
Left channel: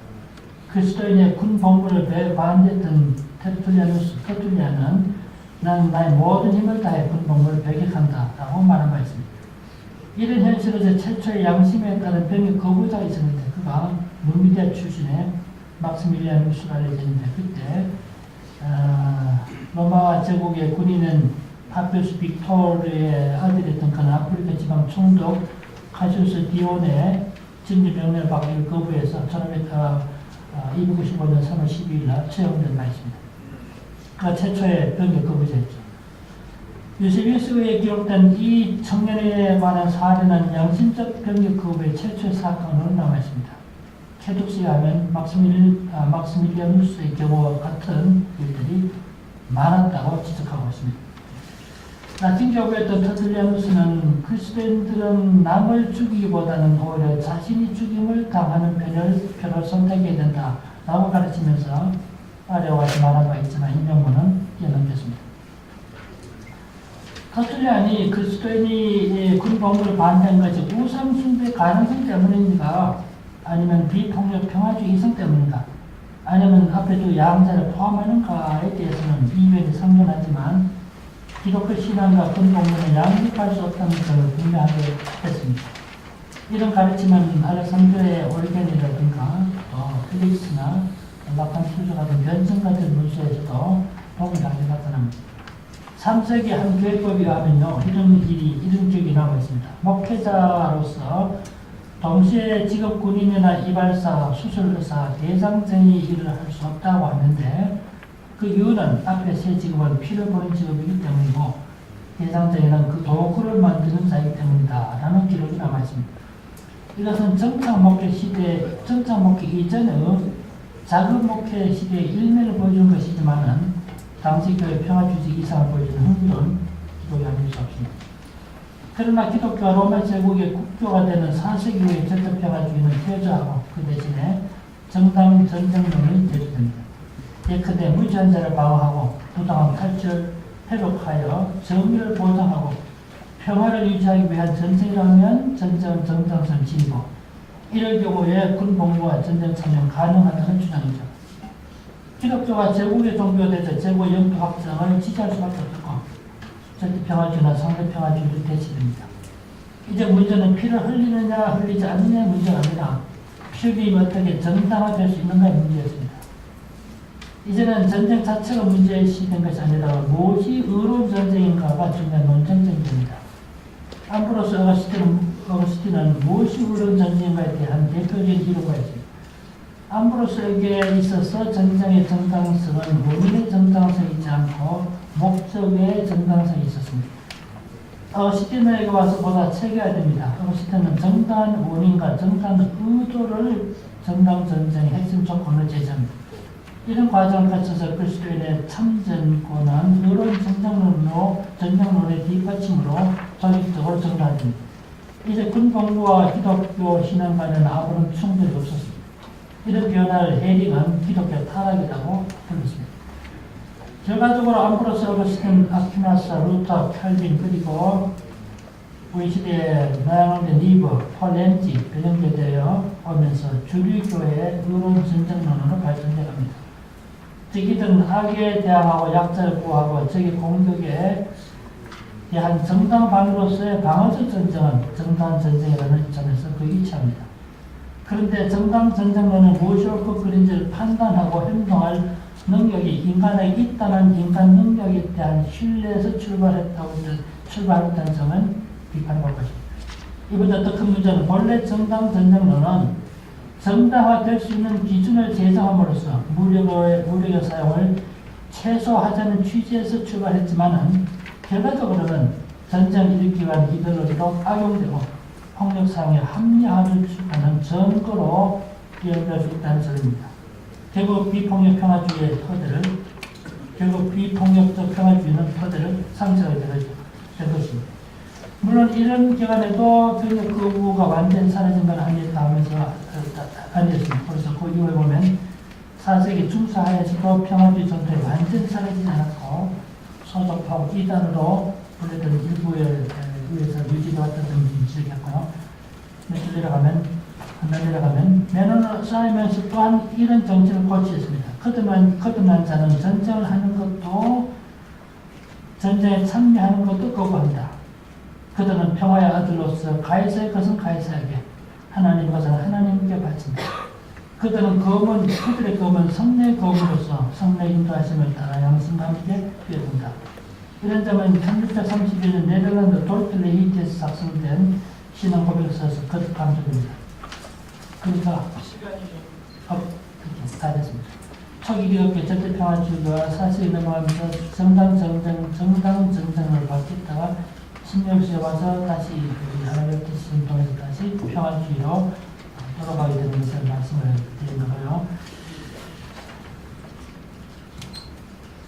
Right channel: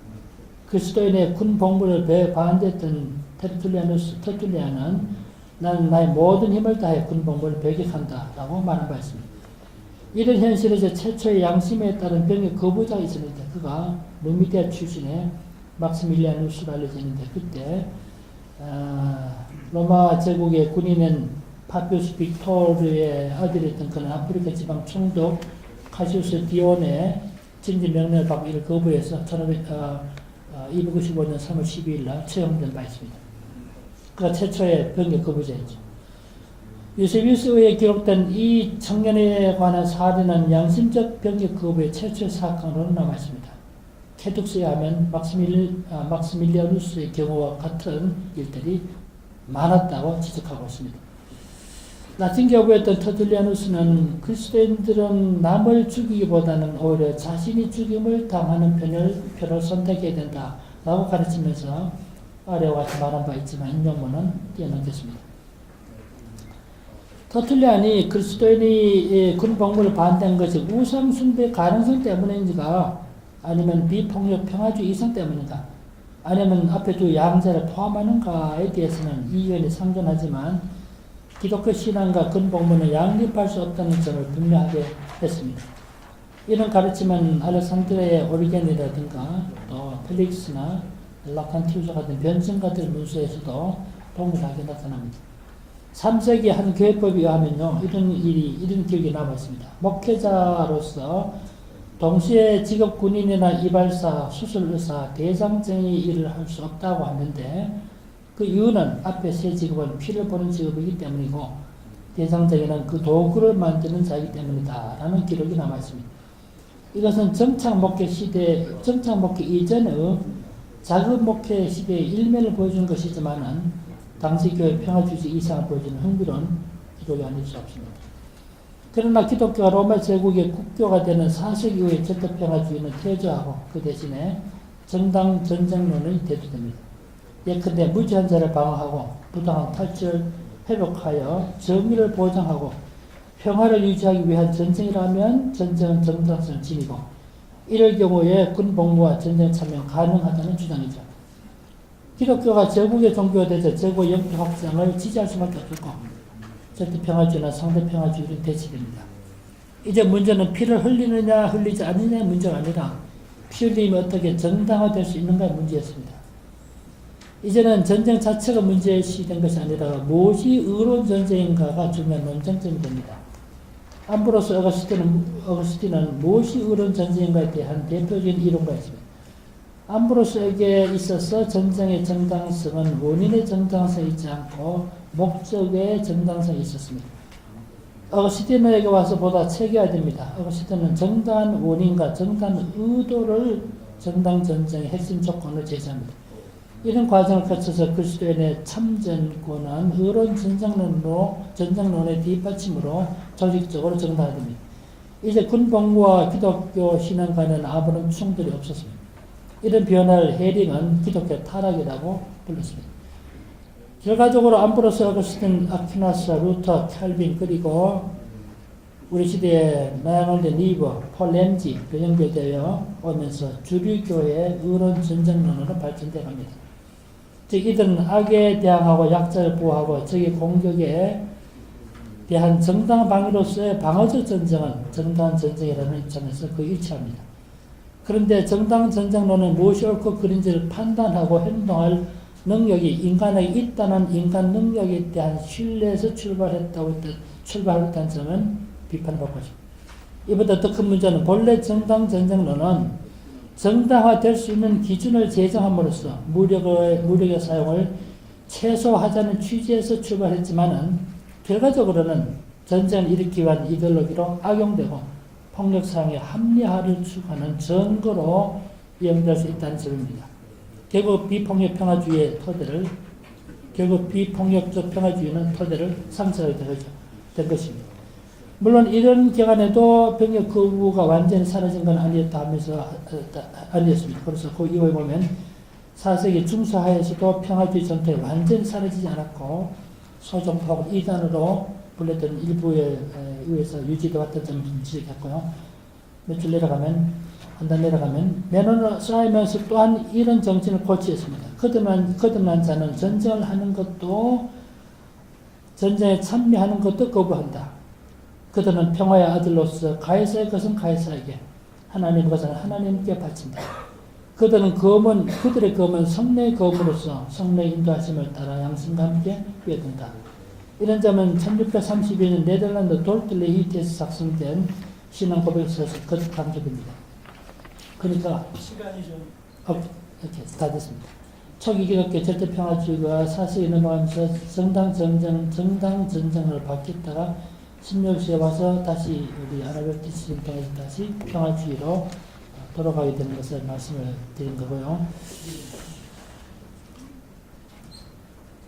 그리스도인의 군 복무를 반대했던 테툴리안은 나는 나의 모든 힘을 다해 군 복무를 배격한다 라고 말한 바 있습니다. 이런 현실에서 최초의 양심에 따른 병역 거부자가 있었는데 그가 누미디아 출신의 막스밀리아누스로 알려져 있는데 그때 로마 제국의 군인은 파피우스 빅토르의 아들이었던 그는 아프리카 지방 총독 카시우스 디온의 진지 명령을 받기를 거부해서 295년 3월 12일 날 처형된 바 있습니다. 그가 최초의 병역 거부자였죠. 유세비우스에 기록된 이 청년에 관한 사례는 양심적 병역 거부의 최초의 사건으로 남아있습니다. 캐둑스에 하면 막스밀리아누스의 경우와 같은 일들이 많았다고 지적하고 있습니다. 라틴 교부였던 터툴리아누스는 그리스도인들은 남을 죽이기보다는 오히려 자신이 죽임을 당하는 표를 선택해야 된다라고 가르치면서 아래와 같이 말한 바 있지만 인용문은 뛰어넘겼습니다. 터툴리안이 그리스도인이 군 복무를 반대한 것이 우상숭배 가능성 때문인지가 아니면 비폭력 평화주의 이성 때문인가 아니면 앞에 두 양자를 포함하는가에 대해서는 이견이 상존하지만 기독교 신앙과 군 복무는 양립할 수 없다는 점을 분명하게 했습니다. 이런 가르침은 알렉산드리아의 오리겐이라든가 플릭스나 라칸투스 같은 변증가들 문서에서도 동일하게 나타납니다. 3세기 한 교회법에 의하면요, 이런 기억이 남아있습니다. 목회자로서 동시에 직업 군인이나 이발사, 수술의사, 대장정의 일을 할 수 없다고 하는데 그 이유는 앞에 세 직업은 피를 보는 직업이기 때문이고 대장정이란 그 도구를 만드는 자이기 때문이다 라는 기록이 남아있습니다. 이것은 정착 목회 이전의 작은 목회 시대의 일면을 보여주는 것이지만은 당시 교회 평화주의 이상을 보여주는 흥미로운 기록이 아닐 수 없습니다. 그러나 기독교가 로마 제국의 국교가 되는 4세기 이후의 절대평화주의는 퇴조하고 그 대신에 정당 전쟁론이 대두됩니다. 예컨대 무지한자를 방어하고 부당한 탈취를 회복하여 정의를 보장하고 평화를 유지하기 위한 전쟁이라면 전쟁은 정당성을 지니고 이럴 경우에 군복무와 전쟁 참여는 가능하다는 주장이죠. 기독교가 제국의 종교가 되자 제국 영토 확장을 지지할 수밖에 없고 절대평화주의나 상대평화주의를 대치됩니다. 이제 문제는 피를 흘리느냐 흘리지 않느냐의 문제가 아니라 피흘림이 어떻게 정당화될 수 있는가의 문제였습니다. 이제는 전쟁 자체가 문제시된 것이 아니라 무엇이 의로운 전쟁인가가 중요한 논쟁점이 됩니다. 암브로스 어거스틴은 무엇이 의로운 전쟁인가에 대한 대표적인 이론가 있습니다. 암브로스에게 있어서 전쟁의 정당성은 원인의 정당성이지 않고 목적의 정당성이 있었습니다. 어거스틴에게 와서 보다 체계화됩니다. 어거스틴은 정당한 원인과 정당한 의도를 정당 전쟁의 핵심 조건으로 제시합니다. 이런 과정을 거쳐서 그리스도인의 참전권은 의로운 전쟁론의 뒷받침으로 조직적으로 정당화됩니다. 이제 군복무와 기독교 신앙 간에는 아무런 충돌이 없었습니다. 이런 변화를 해링은 기독교 타락이라고 불렀습니다. 결과적으로 암브로스 어거스틴, 아퀴나스, 루터, 칼빈 그리고 우리 시대의 나양원대 니버, 폴렌지 연결되어 오면서 주류교회의 유론 전쟁론으로 발전되어 갑니다. 즉 이들은 악에 대항하고 약자를 보호하고 적의 공격에 대한 정당 방위로서의 방어적 전쟁은 정당 전쟁이라는 점에서 그 일치합니다. 그런데 정당 전쟁론은 무엇이 옳고 그른지를 판단하고 행동할 능력이 인간에게 있다는 인간 능력에 대한 신뢰에서 출발했다는 점은 비판받고 있습니다. 이보다 더 큰 문제는 본래 정당 전쟁론은 정당화될 수 있는 기준을 제정함으로써 무력의 사용을 최소화하자는 취지에서 출발했지만은 결과적으로는 전쟁을 일으키기 위한 이데올로기로 악용되고 폭력 사용에 합리화를 추구하는 증거로 이용될 수 있다는 소리입니다. 결국 비폭력적 평화주의는 토대를 상쇄하게 될 것입니다. 물론 이런 기간에도 병역 거부가 완전히 사라진 건 아니었다 하면서 아니었습니다. 그래서 그 이후에 보면 4세기 중수하에서도 평화주의 전통이 완전히 사라지지 않았고 소종하고 이단으로 불렸던 일부에 의해서 유지되었던 점을 지적했고요. 몇줄 내려가면 메노나 사이먼스 또한 이런 정신을 고치했습니다. 거듭난 자는 전쟁을 하는 것도 전쟁에 참여하는 것도 거부한다. 그들은 평화의 아들로서 가이사의 것은 가이사에게, 하나님의 것은 하나님께 바친다. 그들의 검은 성령의 검으로서 성령의 인도하심을 따라 양심과 함께 뛰어든다. 이런 점은 1632년 네덜란드 돌틀레 히트에서 작성된 신앙 고백서에서 거듭 강조됩니다. 그러니까 시간이 이렇게 다 됐습니다. 초기 기독교 절대평화주의가 4세기 넘어가면서 정당 전쟁으로 바뀌었다가 16세에 와서 다시 우리 하나님 뜻을 통해서 다시 평화주의로 돌아가게 되는 것을 말씀을 드린 거고요.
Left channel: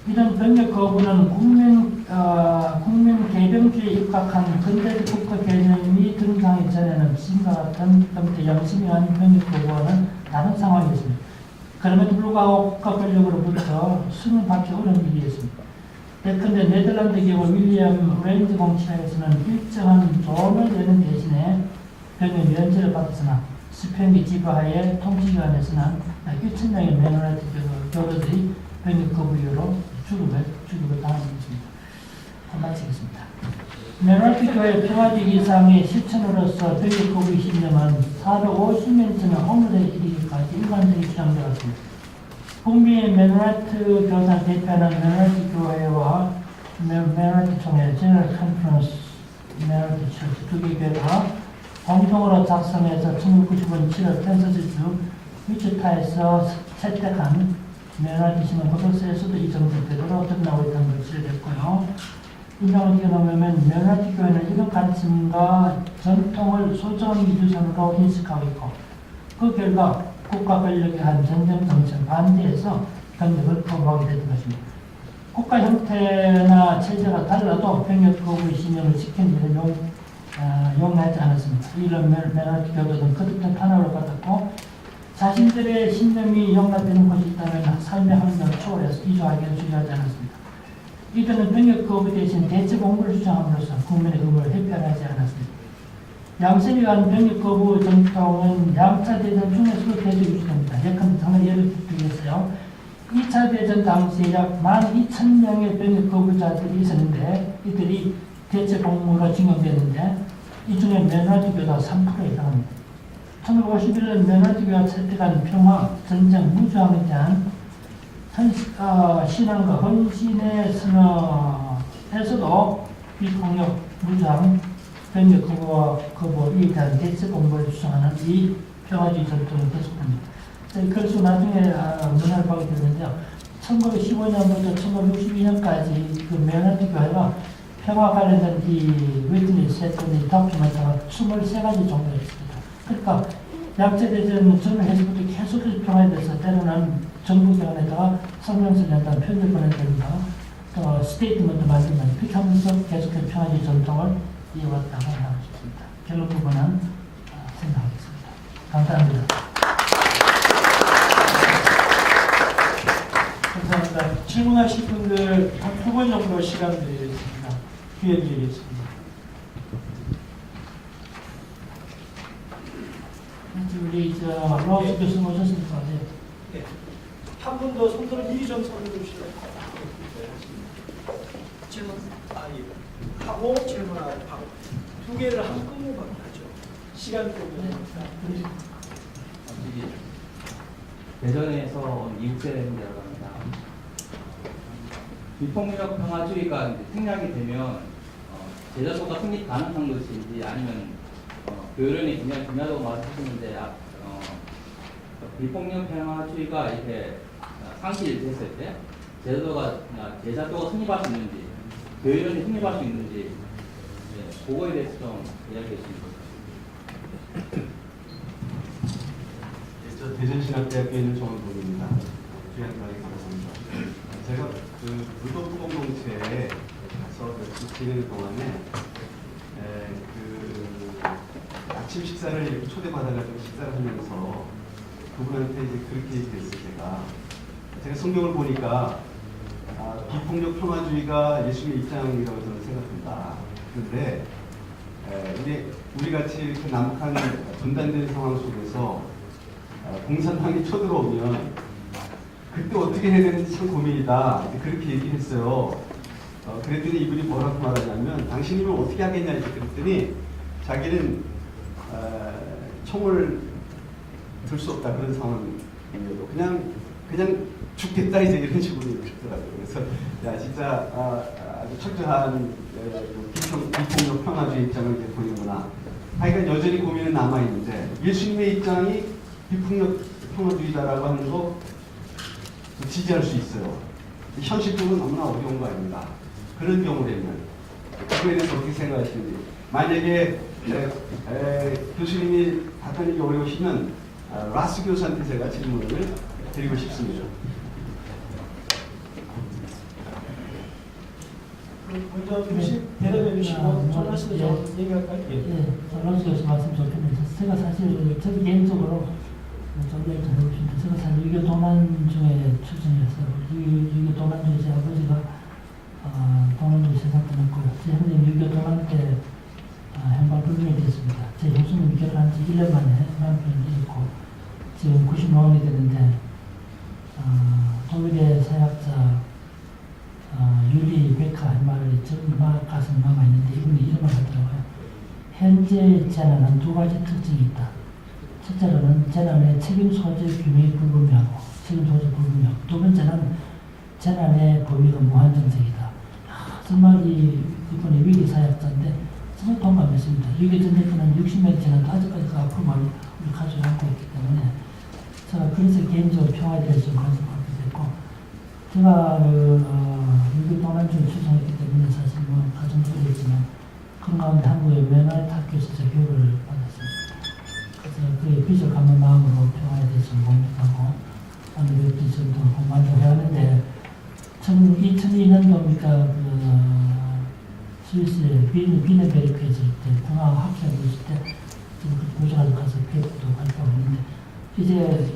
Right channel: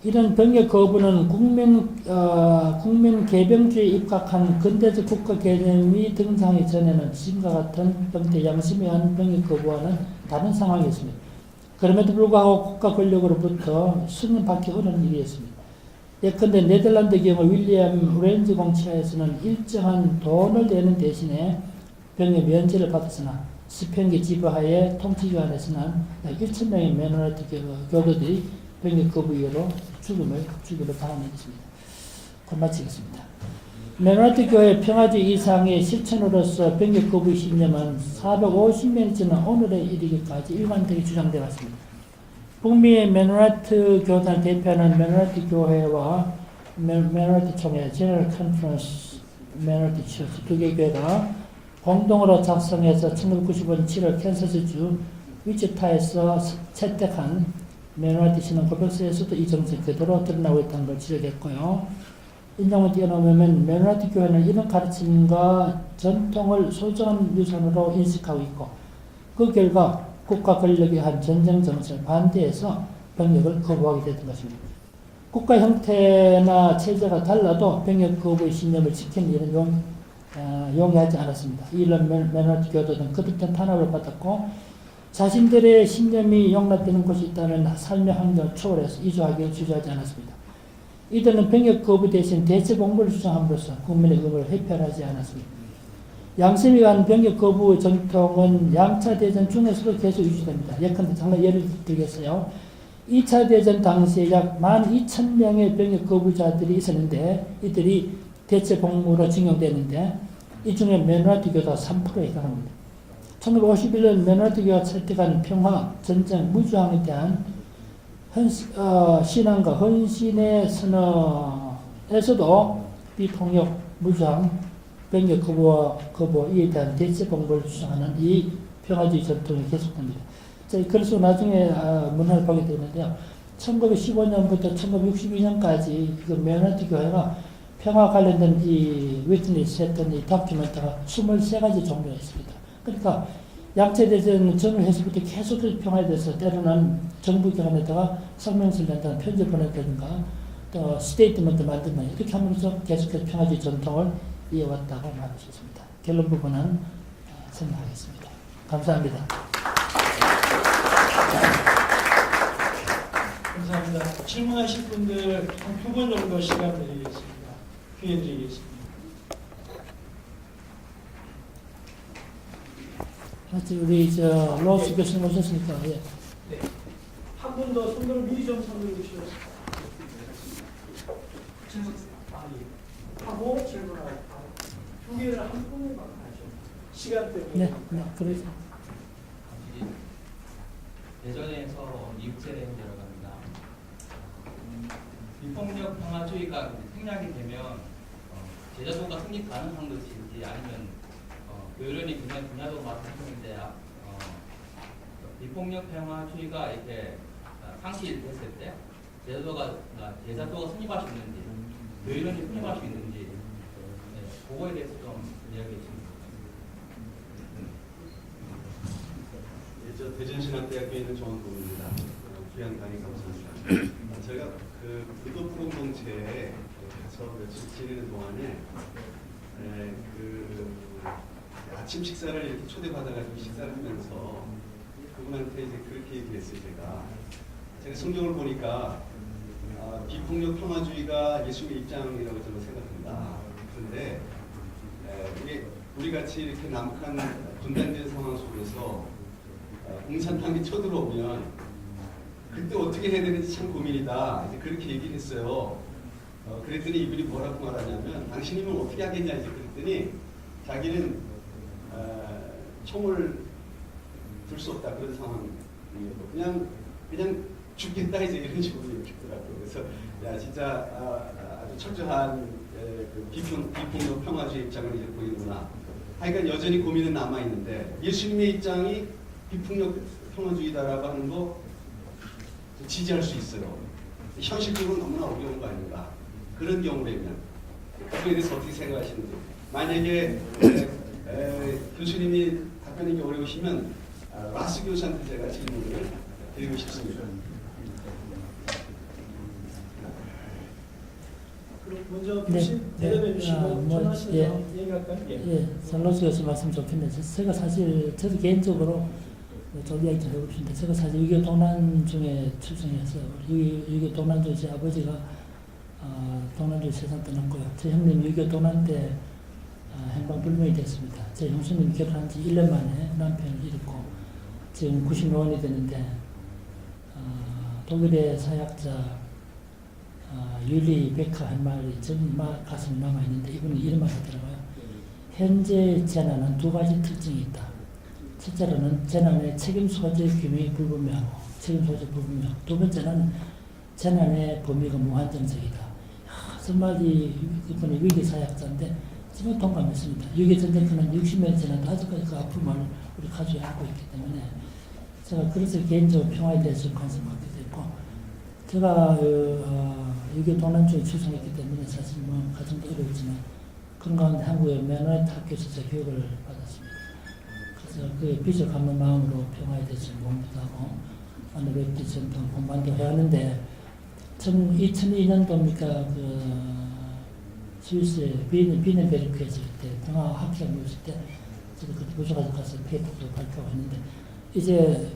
이런 병역 거부는 국민 개병주의에 입각한 근대적 국가 개념이 등장하기 전에는 지금과 같은 병대 양심에 의한 병역 거부와는 다른 상황이었습니다. 그럼에도 불구하고 국가 권력으로부터 승인받기 어려운 일이었습니다. 예컨대 네덜란드 경우 윌리엄 렌즈 공치하에서는 일정한 돈을 내는 대신에 병역 면제를 받았으나 스페인의 지배하에 통치기관에서는 1,000명의 메노나이트 교도들이 병역 거부 이유로 죽임을 당했습니다. 마치겠습니다. 메노나이트 교회 평화주의 이상의 실천으로서 병역 거부의 신념은 450년 지난 오늘에 이르기까지 일관되게 주장되어 왔습니다. 북미의 메노나이트 교단을 대표하는 메노나이트 교회와 메노나이트 총회 제너럴 컨퍼런스 메노나이트 처치 두 개 교회가 공동으로 작성해서 1995년 7월 캔서스주 위치타에서 채택한 메노나이트 신앙 고백서에서도 이 정책 그대로 드러나고 있다는 걸 지적했고요. 인정을 뛰어넘으면 메노나이트 교회는 이런 가르침과 전통을 소중한 유산으로 인식하고 있고 그 결과 국가 권력이 한 전쟁 정책을 반대해서 병역을 거부하게 되는 것입니다. 국가 형태나 체제가 달라도 병역 거부의 신념을 지키는 일은 용이하지 않았습니다. 이런 메노나이트 교도는 거듭된 탄압을 받았고 자신들의 신념이 용납되는 곳이 있다면 삶의 환경을 초월해서 이주하기는 주저하지 않았습니다. 이들은 병역 거부 대신 대체 공부를 주장함으로써 국민의 의무를 회피하지 않았습니다. 양심에 의한 병역 거부 전통은 양차 대전 중에서도 계속 유지됩니다. 예컨대 정말 예를 들겠어요. 2차 대전 당시에 약 12,000명의 병역 거부자들이 있었는데 이들이 대체 공무로 징용되는데 이 중에 메노나이트 교도가 3%에 해당합니다. 1951년 메노나이트 교가 채택한 평화, 전쟁, 무주항에 대한 신앙과 헌신의 선언에서도 비폭력, 무주항, 병역 거부에 대한 대체 공부를 주장하는 이 평화주의 전통이 계속됩니다. 그래서 나중에 문화를 보게 되는데요. 1915년부터 1962년까지 그 메노나이트 교회가 평화 관련된 이 위트니스 했던 이 다큐멘터가 23가지 정도가 있습니다. 그러니까 약제대전 전후에서부터 계속해서 평화에 대해서 때로는 정부기관에다가 성명서를 낸다는 편지를 보낸다든가 스테이트먼트 만든다 이렇게 하면서 계속해서 평화주의 전통을 이어왔다고 말할 수 있습니다. 결론 부분은 생각하겠습니다. 감사합니다. 감사합니다. 질문하실 분들 한 2분 정도 시간 드리겠습니다. 기회 드리겠습니다. 우리 로스 교수님 오셨습니까? 예. 네. 한 분 더 손들어 이의정 선생님 질문 하고 질문하고 바로 두 개를 한꺼번에 하죠. 시간 때문에. 네, 그러시죠. 대전에서 이국세대행이라고 합니다. 비폭력 평화주의가 이제 생략이 되면 제자도가 성립 가능한 것인지 아니면 교련이 굉장히 중요하다고 말씀하셨는데 비폭력 평화주의가 이렇게 상실됐을 때 제자도가 성립할 수 있는지 교련이 성립할 수 있는지 그거에 대해서 좀 이야기해 주시면. 저 대전신학대학교에 있는 정원동입니다. 귀한 강의 감사합니다. 제가 그 물도프 공동체에 가서 며칠 지내는 동안에 그 아침 식사를 이렇게 초대받아가지고 식사를 하면서 그분한테 이제 그렇게 얘기했어요. 제가 성경을 보니까 비폭력 평화주의가 예수님의 입장이라고 저는 생각합니다. 그런데 우리 같이 이렇게 남북한 분단된 상황 속에서 공산당이 쳐들어오면 그때 어떻게 해야 되는지 참 고민이다. 그렇게 얘기했어요. 그랬더니 이분이 뭐라고 말하냐면 당신이면 어떻게 하겠냐 이렇게 그랬더니 자기는 총을 들 수 없다 그런 상황이고 그냥 죽겠다 이제 이런 식으로 얘기했더라고요. 그래서 야 진짜 아주 철저한 비폭력 평화주의 입장을 이제 보이는구나. 하여간 여전히 고민은 남아 있는데 예수님의 입장이 비폭력 평화주의다라고 하는 거 지지할 수 있어요. 현실적으로 너무나 어려운 거 아닌가. 그런 경우라면 그거에 대해서 어떻게 생각하시는지. 만약에 교수님이 답변이 어려우시면 라스 교수한테 제가 질문을 드리고 싶습니다. 먼저 교수님 대답해 주시고 전하시면서 얘기할까요? 예, 설로스 교수 말씀 좋겠는데 제가 사실 저 개인적으로 좀 이야기 좀 해보십니다. 제가 사실 유교 동란 중에 출생해서 유교 동란 중에 제 아버지가 동란주 세상 끝났고요. 제 형님 유교 동란 때 행방불명이 됐습니다. 제 교수님 결혼한 지 1년 만에 남편을 잃고 지금 95년이 되는데 독일의 사회학자 유리 베카 한 말이 지금 가슴에 남아있는데 이분이 이런 말 하더라고요. 현재 재난은 두 가지 특징이 있다. 첫째로는 재난의 책임 소재 규명이 불분명하고 책임 소재 불분명. 두 번째는 재난의 범위가 무한정적이다. 정말 이분이 위기 사회학자인데 정말 동감했습니다. 위기 전쟁터는 60년 지난 아직까지 그 아픔을 우리 가족이 안고 있기 때문에 제가 그래서 개인적으로 평화에 대해서 관심을 갖게 됐고 제가 유교 동란주에 출생했기 때문에 사실 뭐 가정도 어렵지만 그런 가운데 한국의 매너의 학교에서 교육을 받았습니다. 그래서 그의 빚을 갚는 마음으로 평화에 대해서 공부하고 오늘 지금도 공부한다고 하는데 2002년도입니까 그 스위스의 비네베르크에 있을 때 평화 학생이 있을 때 고생하러 가서 배우도 발표했는데 이제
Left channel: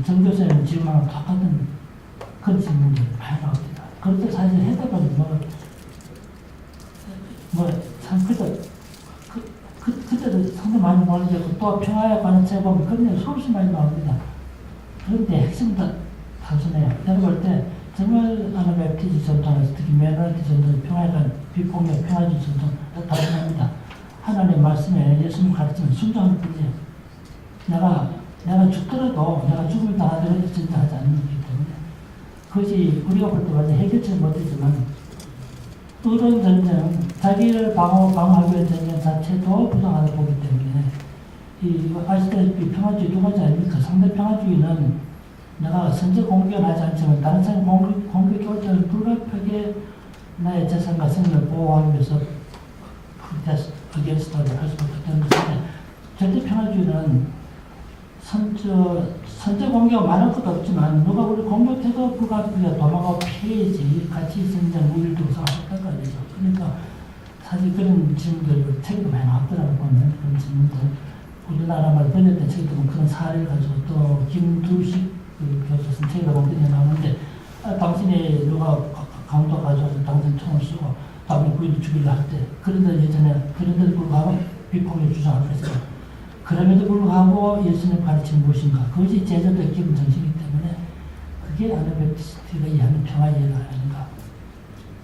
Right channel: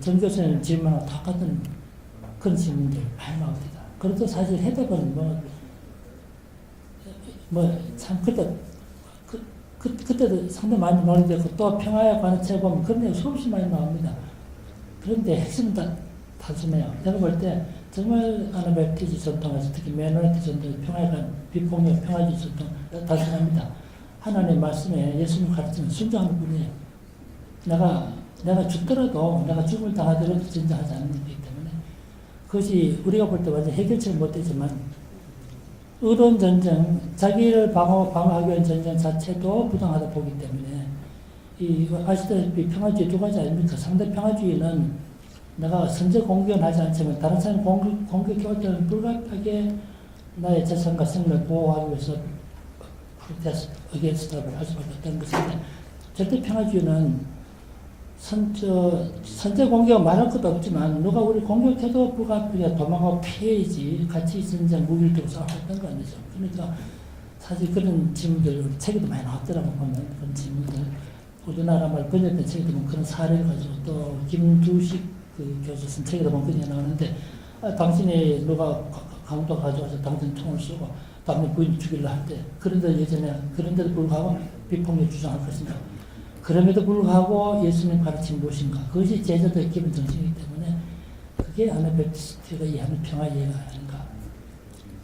정 교수님 질문하고 똑같은 그런 질문들이 많이 나옵니다. 그런데 사실 해답은 참 그때도 상당히 많이 모르겠고 또 평화에 관한 책 보면 그런 수없이 많이 나옵니다. 그런데 핵심은 다 단순해요. 내가 볼 때 정말 아나베프티지 전통에서 특히 메노라티 전통, 평화에 관한 비폭력 평화주의 전통 단순합니다. 하나님의 말씀에 예수님 가르치는 순종하는 뿐이에요. 내가 죽더라도 내가 죽을 당하더라도 전쟁하지 않는 거기 때문에 그것이 우리가 볼 때 완전 해결치는 못했지만 의론 전쟁, 자기를 방어하기 위한 전쟁 자체도 부당하다 보기 때문에 아시다시피 평화주의 두 가지 아닙니까? 상대 평화주의는 내가 선제 공격은 하지 않지만 다른 사람 공격해 올 때는 불가피하게 나의 재산과 생명을 보호하기 위해서 against를 할 수밖에 없다는 것인데 절대 평화주의는 선제 공격 말할 것도 없지만 누가 우리 공격해도 불가피하게 도망가고 피해야지 같이 있으면 무기를 들고 싸웠다고 안 되죠. 그러니까 사실 그런 질문들 책에도 많이 나왔더라고 보면 그런 질문들 우리나라 말 번역된 책에도 보면 그런 사례를 가지고 또 김두식 그 교수 쓴 책에도 보면 그런 게 나오는데 당신이 누가 강도 가져와서 당신 총을 쏘고 남의 부인을 죽이려 할 때 그런데 예전에 그런데도 불구하고 비폭력 주장할 것이다. 그럼에도 불구하고 예수님 가르침이 무엇인가? 그것이 제자들의 기본 정신이기 때문에 그게 아나베티스트가 이해하는 평화 예가 아닌가?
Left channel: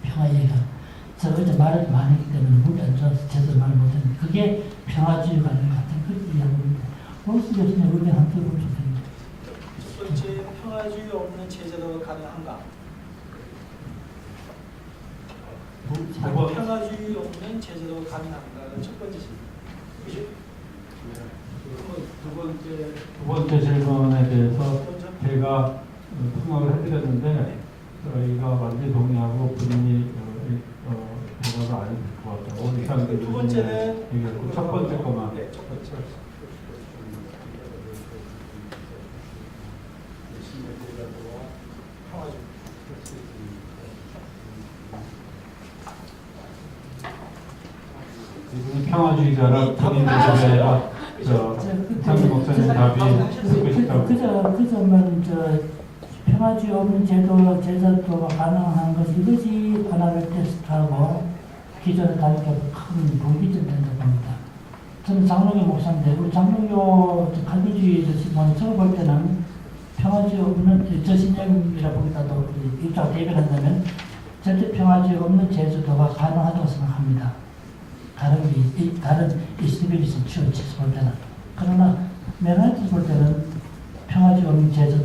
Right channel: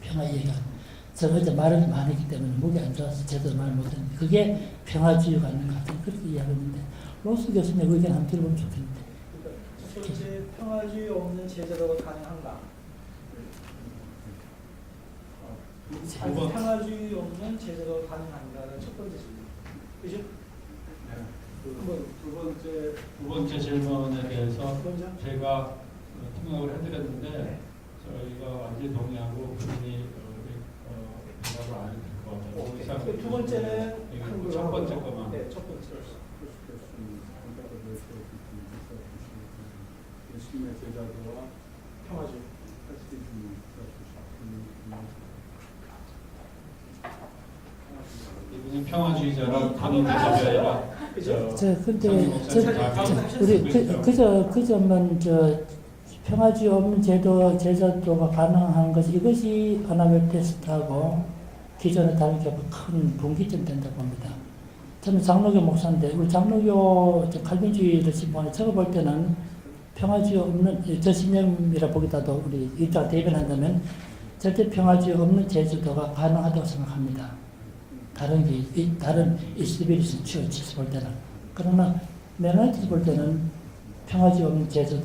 평화 예가. 제가 어제 말을 많이 했기 때문에 목이 안 좋아서 제대로 말 못했는데 그게 평화주의가 아닌가? 그렇게 이해하고 있는데 로스 교수님 의견 한번 들어보면 좋겠는데. 첫 번째, 평화주의 없는 제자도가 가능한가? 평화주의 없는 제자도가 가능한가가 첫 번째 질문. 그죠? 두 번째 질문에 대해서 제가 통역을 해드렸는데 저희가 완전히 동의하고 본인이 대답을 안 해줄 것 같아요. 두 번째는 첫 번째 것만. 네, 첫 번째. 이분은 평화주의자라 본인 대답이 아니라 상임 목사님 답이 쓰고 싶다고. 그저만 평화주의 없는 제자도가 가능한 것이 이것이 아나벨테스트하고 기존의 다르게 큰 분기점 된다고 봅니다. 저는 장로교 목사인데 우리 장로교 칼빈주의를 시판을 적어볼 때는 평화주의 없는 저 신념이라 보기보다도 우리 이따 대변한다면 절대 평화주의 없는 제자도가 가능하다고 생각합니다. 다른 21세기 치수 볼 때는. 그러나 메나티스 볼 때는 평화주의 없는 제자도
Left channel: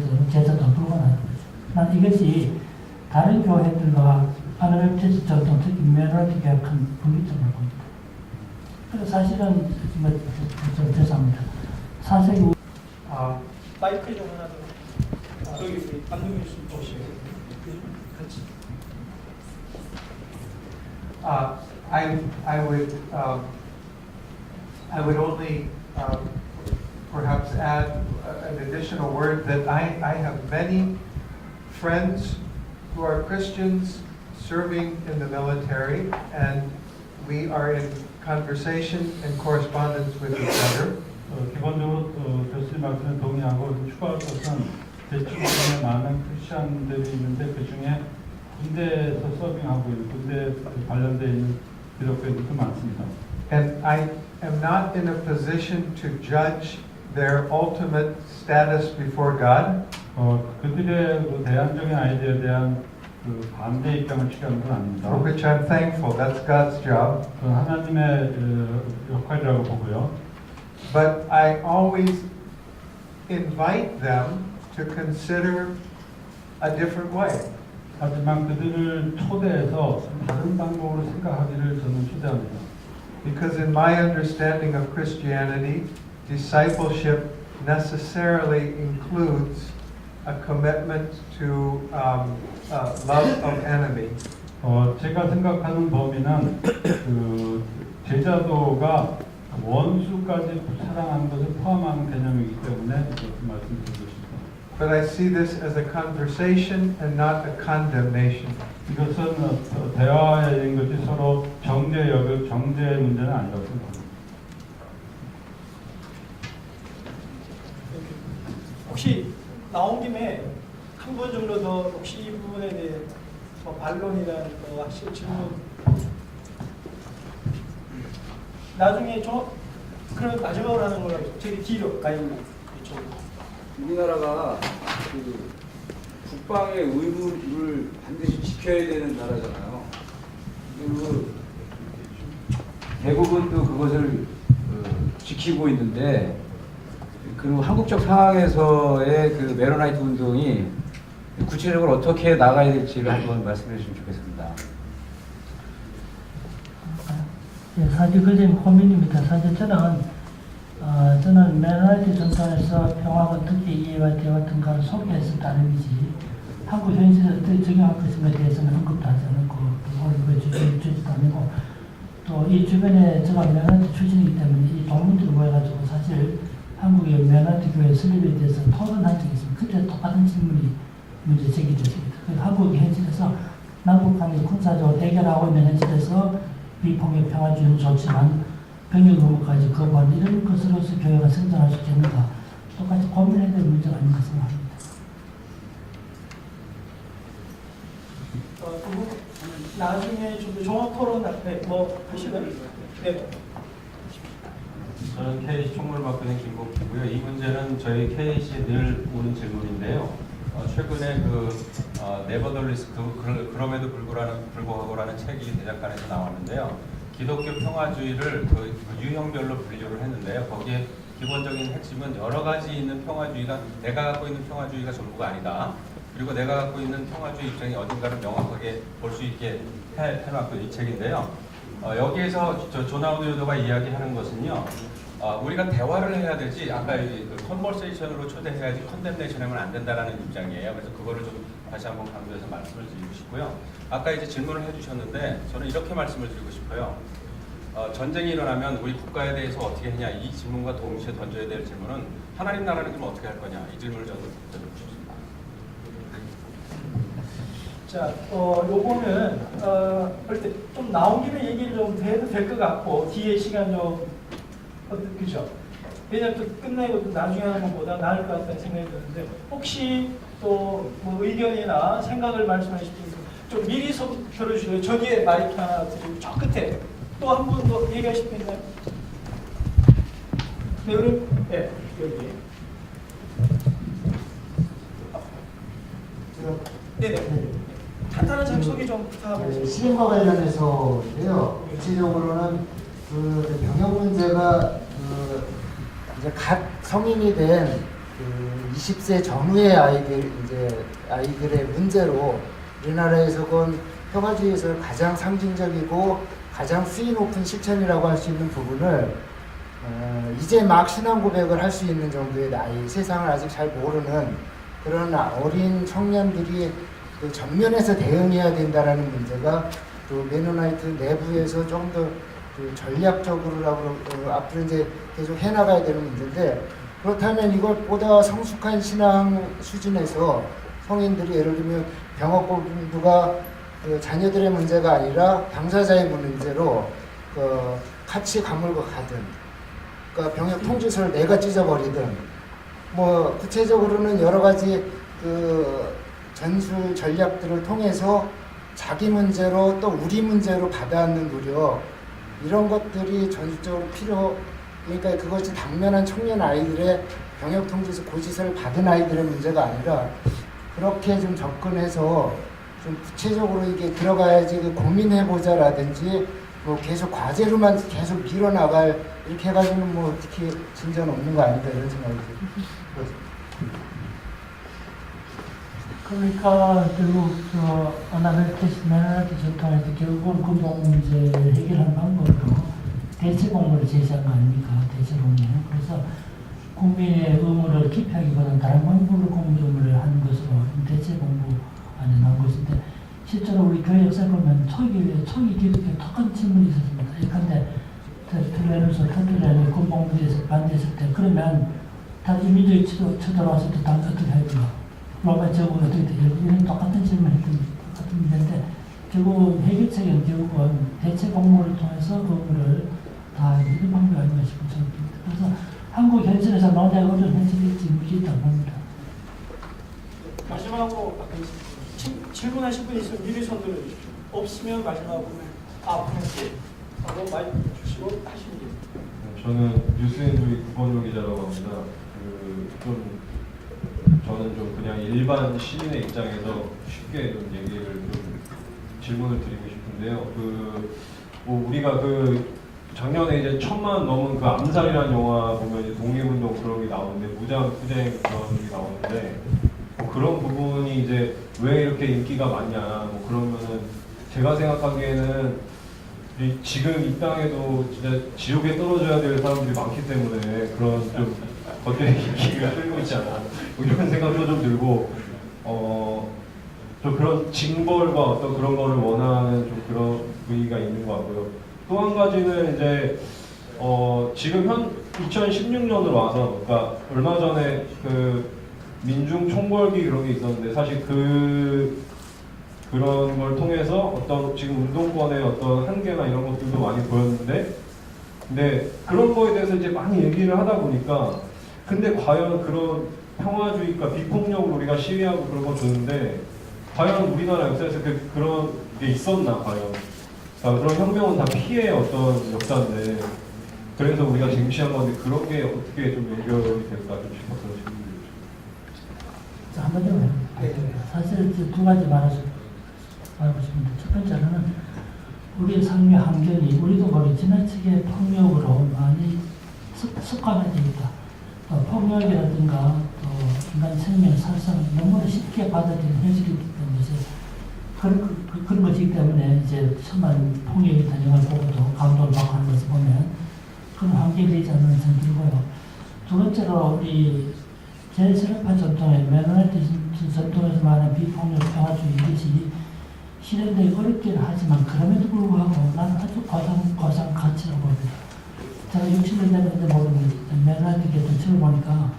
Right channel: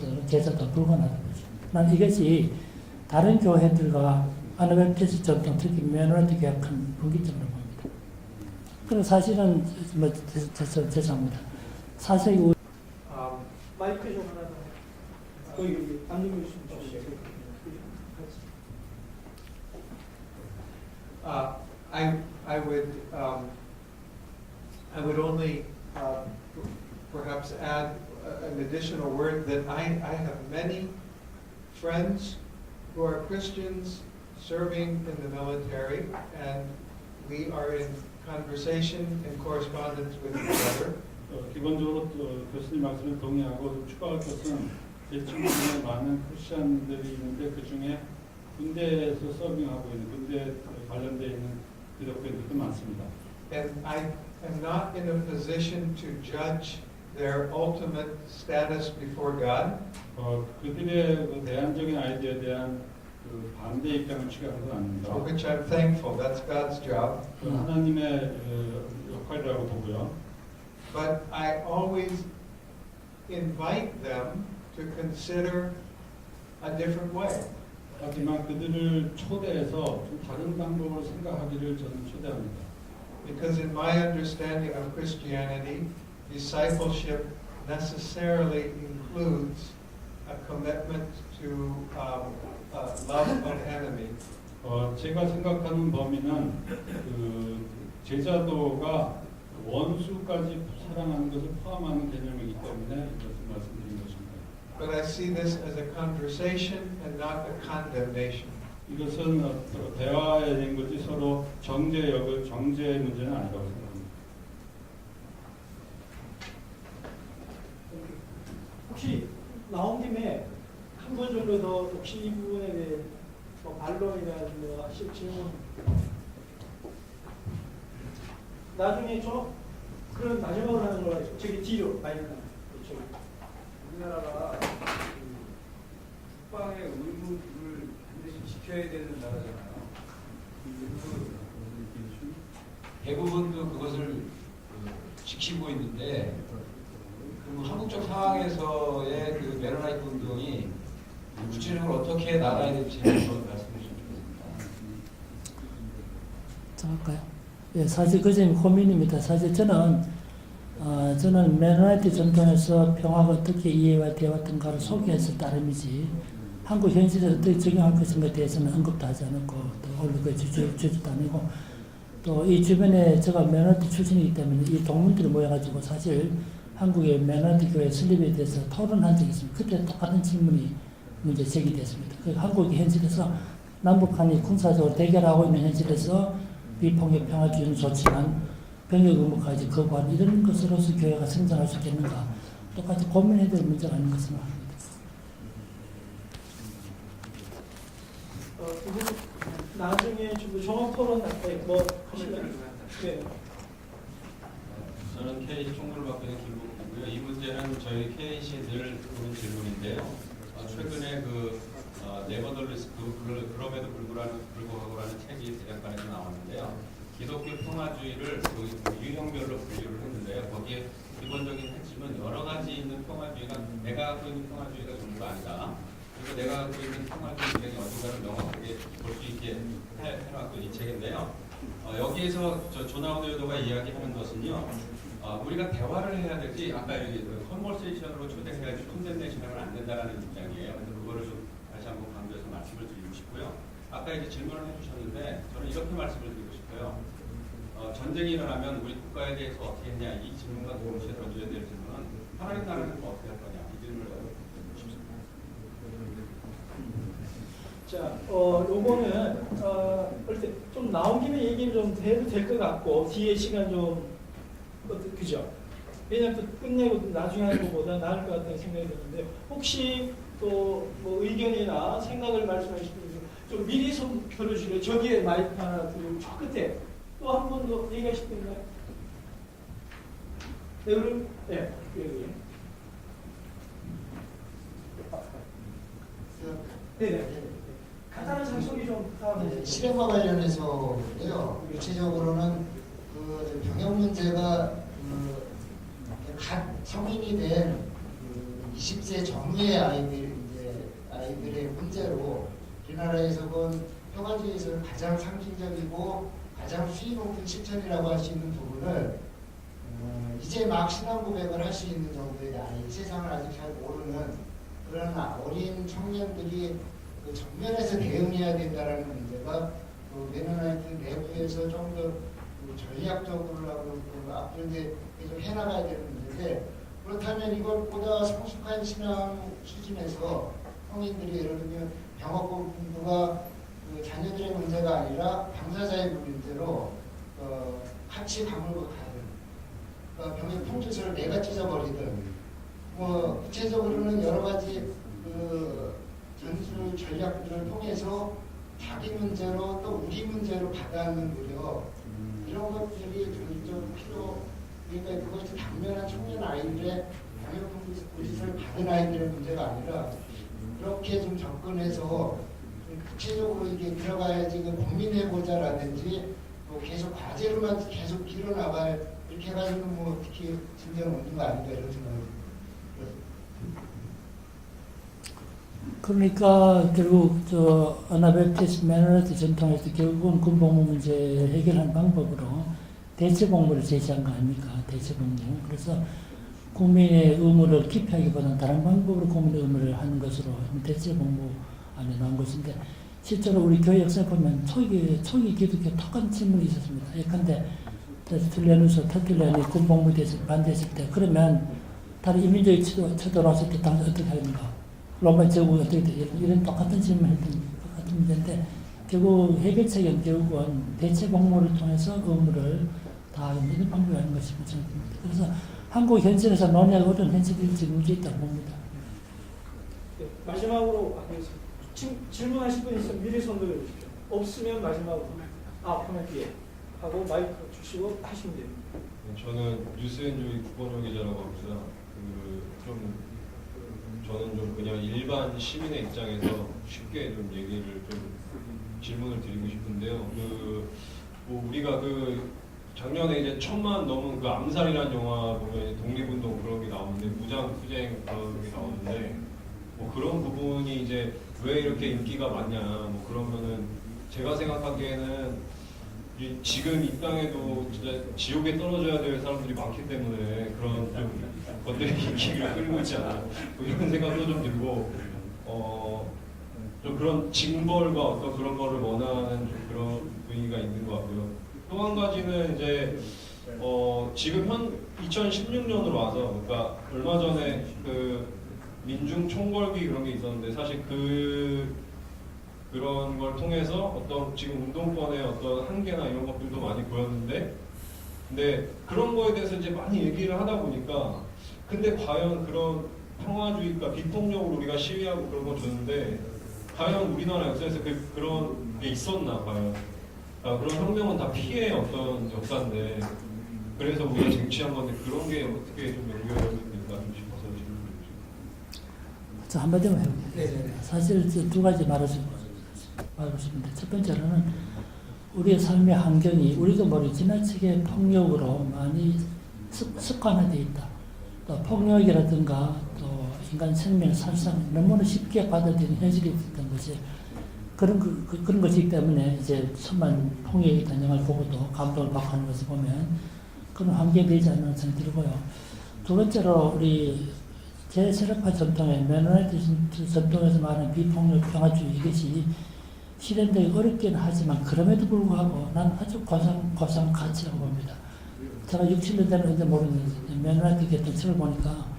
불가능하다고 보죠. 난 이것이 다른 교회들과 아나벨티스 정통 특히 메나티 교회 큰 분기점을 봅니다. 그래서 사실은 죄송합니다. 사세기 마이크 좀 하나 더. 여기 담임 교수님 주시죠. 그렇지. I would only perhaps add an additional word that I have many friends who are Christians serving in the military, and we are in conversation and correspondence with each other. 기본적으로 교수님 말씀에 동의하고 추가할 것은 제 친구들의 많은 크리스천들이 있는데 그 중에 군대에서 서빙하고 있는 군대 관련되어 있는 기독교인들도 많습니다. And I am not in a position to judge their ultimate status before God. 그들의 그 대안적인 아이디어에 대한 그 반대 입장을 취하는 건 아닙니다. For which I'm thankful. That's God's job. 그건 하나님의 역할이라고 보고요. But I always invite them to consider a different way. 하지만 그들을 초대해서 다른 방법으로 생각하기를 저는 초대합니다. Because in my understanding of Christianity, discipleship necessarily includes a commitment to love of enemy. 제가 생각하는 범위는 그 제자도가 원수까지 사랑하는 것을 포함하는 개념이기 때문에 그것을 말씀드린 것입니다. But I see this as a conversation and not a condemnation. 이것은 대화에 있는 것이 서로 정죄의 문제는 아니라고 생각합니다. 혹시 나온 김에 한 분 정도 더 혹시 이 부분에 대해 뭐 반론이라든가 하실 질문 나중에 그럼 마지막으로 하는 걸로 저기 뒤로 가요. 우리나라가 그 국방의 의무를 반드시 지켜야 되는 나라잖아요. 그 대부분도 그것을 지키고 있는데 그리고 한국적 상황에서의 그 메로나이트 운동이 구체적으로 어떻게 나가야 될지를 한번 말씀해 주시면 좋겠습니다. 예, 사실 그 점이 고민입니다. 사실 저는 메로나이트 전통에서 평화가 어떻게 이해가 되었던가를 소개해서 따름이지 한국 현실에서 어떻게 적용할 것인가에 대해서는 언급도 하지 않았고 또 올리고 주지도 않고 또 이 주변에 제가 메로나이트 출신이기 때문에 이 동문들이 모여가지고 사실 한국의 메로나이트 교회 설립에 대해서 토론한 적이 있습니다. 그때 똑같은 질문이 문제 제기됐습니다. 한국의 현실에서 남북한이 군사적으로 대결하고 있는 현실에서 비폭력 평화주의는 좋지만 병역 의무까지 거부하는 이런 것으로서 교회가 성장할 수 있겠는가? 똑같이 고민해야 될 문제가 아닌가 생각합니다. 나중에 좀 종합 토론 뭐 하실래요? 네. 저는 KC 총무를 맡고 있는 김복희고요. 이 문제는 저희 KC에 늘 오는 질문인데요. 최근에 네버덜리스 그럼에도 불구하고라는 책이 대작간에서 나왔는데요. 기독교 평화주의를 유형별로 분류를 했는데요. 거기에 기본적인 핵심은 여러 가지 있는 평화주의가 내가 갖고 있는 평화주의가 전부가 아니다. 그리고 내가 갖고 있는 평화주의 입장이 어딘가를 명확하게 볼 수 있게 해놨던 이 책인데요. 여기에서 조나우드 요도가 이야기하는 것은요. 우리가 대화를 해야 되지 아까 컨버세이션으로 초대해야지 컨덴네이션 하면 안 된다라는 입장이에요. 그래서 그거를 좀 다시 한번 강조해서 말씀을 드리고 싶고요. 아까 이제 질문을 해주셨는데 저는 이렇게 말씀을 드리고 싶어요. 전쟁이 일어나면 우리 국가에 대해서 어떻게 했냐 이 질문과 동시에 던져야 될 질문은 하나님 나라는 그럼 어떻게 할 거냐 이 질문을 저는 던져주고 싶습니다. 자, 요거는 그럴 좀 나온 김에 얘기를 좀 해도 될 것 같고 뒤에 시간 좀 그죠? 왜냐면 또 끝내고 또 나중에 하는 것보다 나을 것 같다는 생각이 드는데 혹시 또 뭐 의견이나 생각을 말씀하실 때 좀 미리 손 들어주시고요. 저기에 마이크 하나 드리고 저 끝에 또 한 분 더 얘기하실 분 있나요? 네, 그럼 네, 여기. 네네. 간단한 자기소개 좀 부탁드립니다. 시민과 관련해서인데요. 구체적으로는 그 병역 문제가 이제 갓 성인이 된 20세 전후의 아이들의 문제로 우리나라에서 본 평화주의에서는 가장 상징적이고 가장 수위 높은 실천이라고 할 수 있는 부분을 이제 막 신앙 고백을 할 수 있는 정도의 나이, 세상을 아직 잘 모르는 그런 어린 청년들이 그 전면에서 대응해야 된다라는 문제가 또 메노나이트 내부에서 좀 더 그 전략적으로라고 앞으로 이제 계속 해나가야 되는 문제인데 그렇다면 이것보다 성숙한 신앙 수준에서 성인들이 예를 들면 병역 공부가 그 자녀들의 문제가 아니라 당사자의 문제로 같이 감옥을 가든 그러니까 병역 통지서를 내가 찢어버리든 뭐 구체적으로는 여러 가지 그 전술 전략들을 통해서 자기 문제로 또 우리 문제로 받아안는 노력 이런 것들이 전술적으로 그러니까 그것이 당면한 청년 아이들의 병역 통지서 고지서를 받은 아이들의 문제가 아니라 그렇게 좀 접근해서 좀 구체적으로 이게 들어가야지 고민해보자라든지 뭐 계속 과제로만 계속 밀어나갈 이렇게 해가지고는 뭐 어떻게 진전 없는 거 아닌가 이런 생각이 듭니다. 그러니까 결국 어나벨테스 메너나이트 전통에서 결국은 그 문제 해결하는 방법으로 대체복무를 제시한 거 아닙니까? 대체복무는. 그래서 국민의 의무를 기피하기보다는 다른 방법으로 국민의 의무를 하는 것으로 대체복무 안에 나온 것인데 실제로 우리 교회 역사를 보면 초기 기독교 똑같은 질문이 있었습니다. 예컨대 터틀레누스 군복무에 대해서 반대했을 때 그러면 다른 이민족이 쳐들어왔을 때 당연히 어떻게 합니까? 로마 제국이 어떻게 되죠? 이런 똑같은 질문을 했던 똑같은 문제인데 결국 해결책은 결국은 대체 복무를 통해서 의무를 다하는 방법이 아닌 것이고 저는 그래서 한국 현실에서 논의하기 어려운 현실이 지금 있다고 봅니다. 마지막으로 질문하실 분 있으면 미리 손 들어주십시오. 없으면 마지막으로 코멘트 하고 마이크 주시고 하시면 됩니다. 저는 뉴스앤조이 구본효 기자라고 합니다. 저는 좀 그냥 일반 시민의 입장에서 쉽게 좀 얘기를 질문을 드리고 싶은데요. 우리가 작년에 이제 1000만 넘은 암살이라는 영화 보면 이제 독립운동 그런 게 나오는데 무장 투쟁 그런 게 나오는데 그런 부분이 이제 왜 이렇게 인기가 많냐 그러면은 제가 생각하기에는 지금 이 땅에도 진짜 지옥에 떨어져야 될 사람들이 많기 때문에 그런 좀 것들의 인기가 끌고 있지 않아 이런 생각도 좀 들고 좀 그런 징벌과 어떤 그런 거를 원하는 좀 그런 분위기가 있는 것 같고요. 또 한 가지는 이제 지금 2016년으로 와서 그러니까 얼마 전에 민중 총궐기 그런 게 있었는데 사실 그런 걸 통해서 어떤 지금 운동권의 어떤 한계나 이런 것들도 많이 보였는데, 근데 그런 거에 대해서 이제 많이 얘기를 하다 보니까, 근데 과연 그런 평화주의가 비폭력으로 우리가 시위하고 그런 거 좋은데, 과연 우리나라 역사에서 그런 게 있었나 과연? 그런 혁명은 다 피해의 어떤 역사인데, 그래서 우리가 쟁취한 건데 그런 게 어떻게 좀 해결이 될까 좀 싶어서 자, 한번 좀 해볼게요. 사실 두 가지 말하고 싶은데, 첫 번째는 우리의 삶의 환경이 우리도 모르게 지나치게 폭력으로 많이 습관화되어 있다. 또 폭력이라든가 또 인간 생명, 살상 너무나 쉽게 받아들이는 현실이 있기 때문에 그런 것이기 때문에 이제 천만 폭력이 단영을 보고도 감동을 받고 하는 것을 보면 그런 환경이 되지 않는 생각이 들고요. 두 번째로 우리 제3파 전통의 메로나이트 전통에서 말하는 비폭력 평화주의, 이것이 실현되기 어렵기는 하지만 그럼에도 불구하고 난 아주 고상 가치라고 봅니다. 제가 60년대는 모르는 메로나이트 계통을 보니까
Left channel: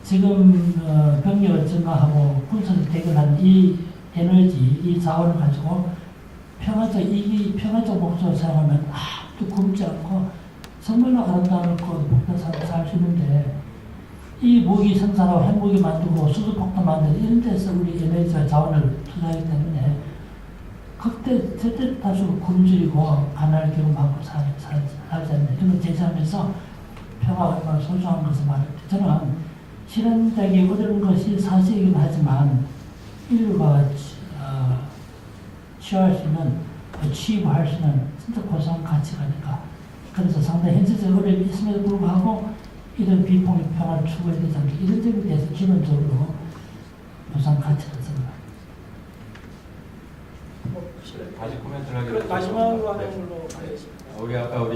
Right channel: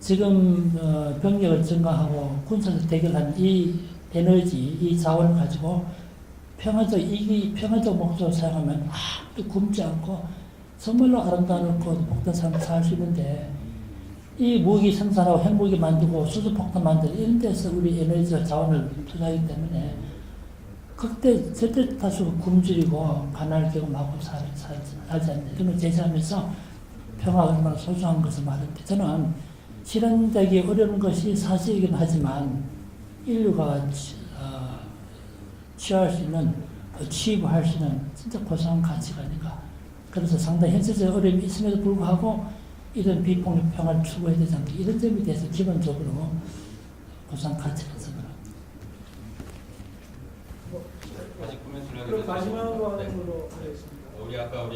지금 병력을 증가하고 군사적 대결한 이 에너지, 이 자원을 가지고 평화적 목적으로 사용하면 아무도 굶지 않고 정말로 아름다운 목표 삶을 살 수 있는데, 이 무기 생산하고 핵무기 만들고 수소폭탄 만들고 이런 데서 우리 에너지와 자원을 투자하기 때문에 그때 절대 다수 굶주리고 가난을 경험하고 살지 않는 이런 제시하면서 평화가 얼마나 소중한 것을 말합니다. 저는 실현되기 어려운 것이 사실이긴 하지만 인류가 취할 수 있는, 취임할 수 있는 진짜 고상한 가치가 아닌가. 그래서 상당히 현실적 어려움이 있음에도 불구하고 이런 비폭력 평화를 추구해야 되지 않을까. 이런 점에 대해서 기본적으로 고상한 가치라고 생각합니다. 다시 코멘트를 하게 되면 마지막으로 하는 걸로 하겠습니다. 우리 아까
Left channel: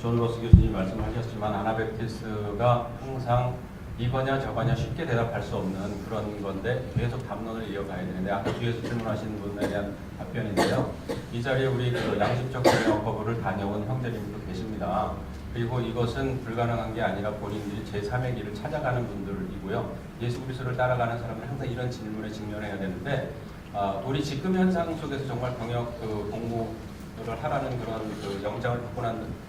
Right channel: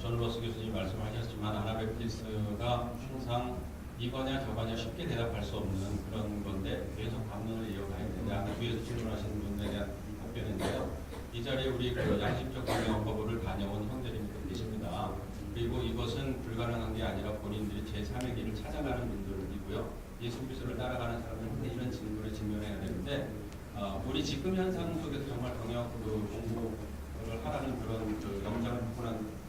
존 로스 교수님 말씀하셨지만 아나베프티스가 항상 이거냐 저거냐 쉽게 대답할 수 없는 그런 건데 계속 담론을 이어가야 되는데, 아까 뒤에서 질문하시는 분에 대한 답변인데요. 이 자리에 우리 양심적 경영법을 다녀온 형제님도 계십니다. 그리고 이것은 불가능한 게 아니라 본인들이 제3의 길을 찾아가는 분들이고요. 예수 그리스도를 따라가는 사람은 항상 이런 질문에 직면해야 되는데, 우리 지금 현상 속에서 정말 병역 공부를 하라는 그런 영장을 받고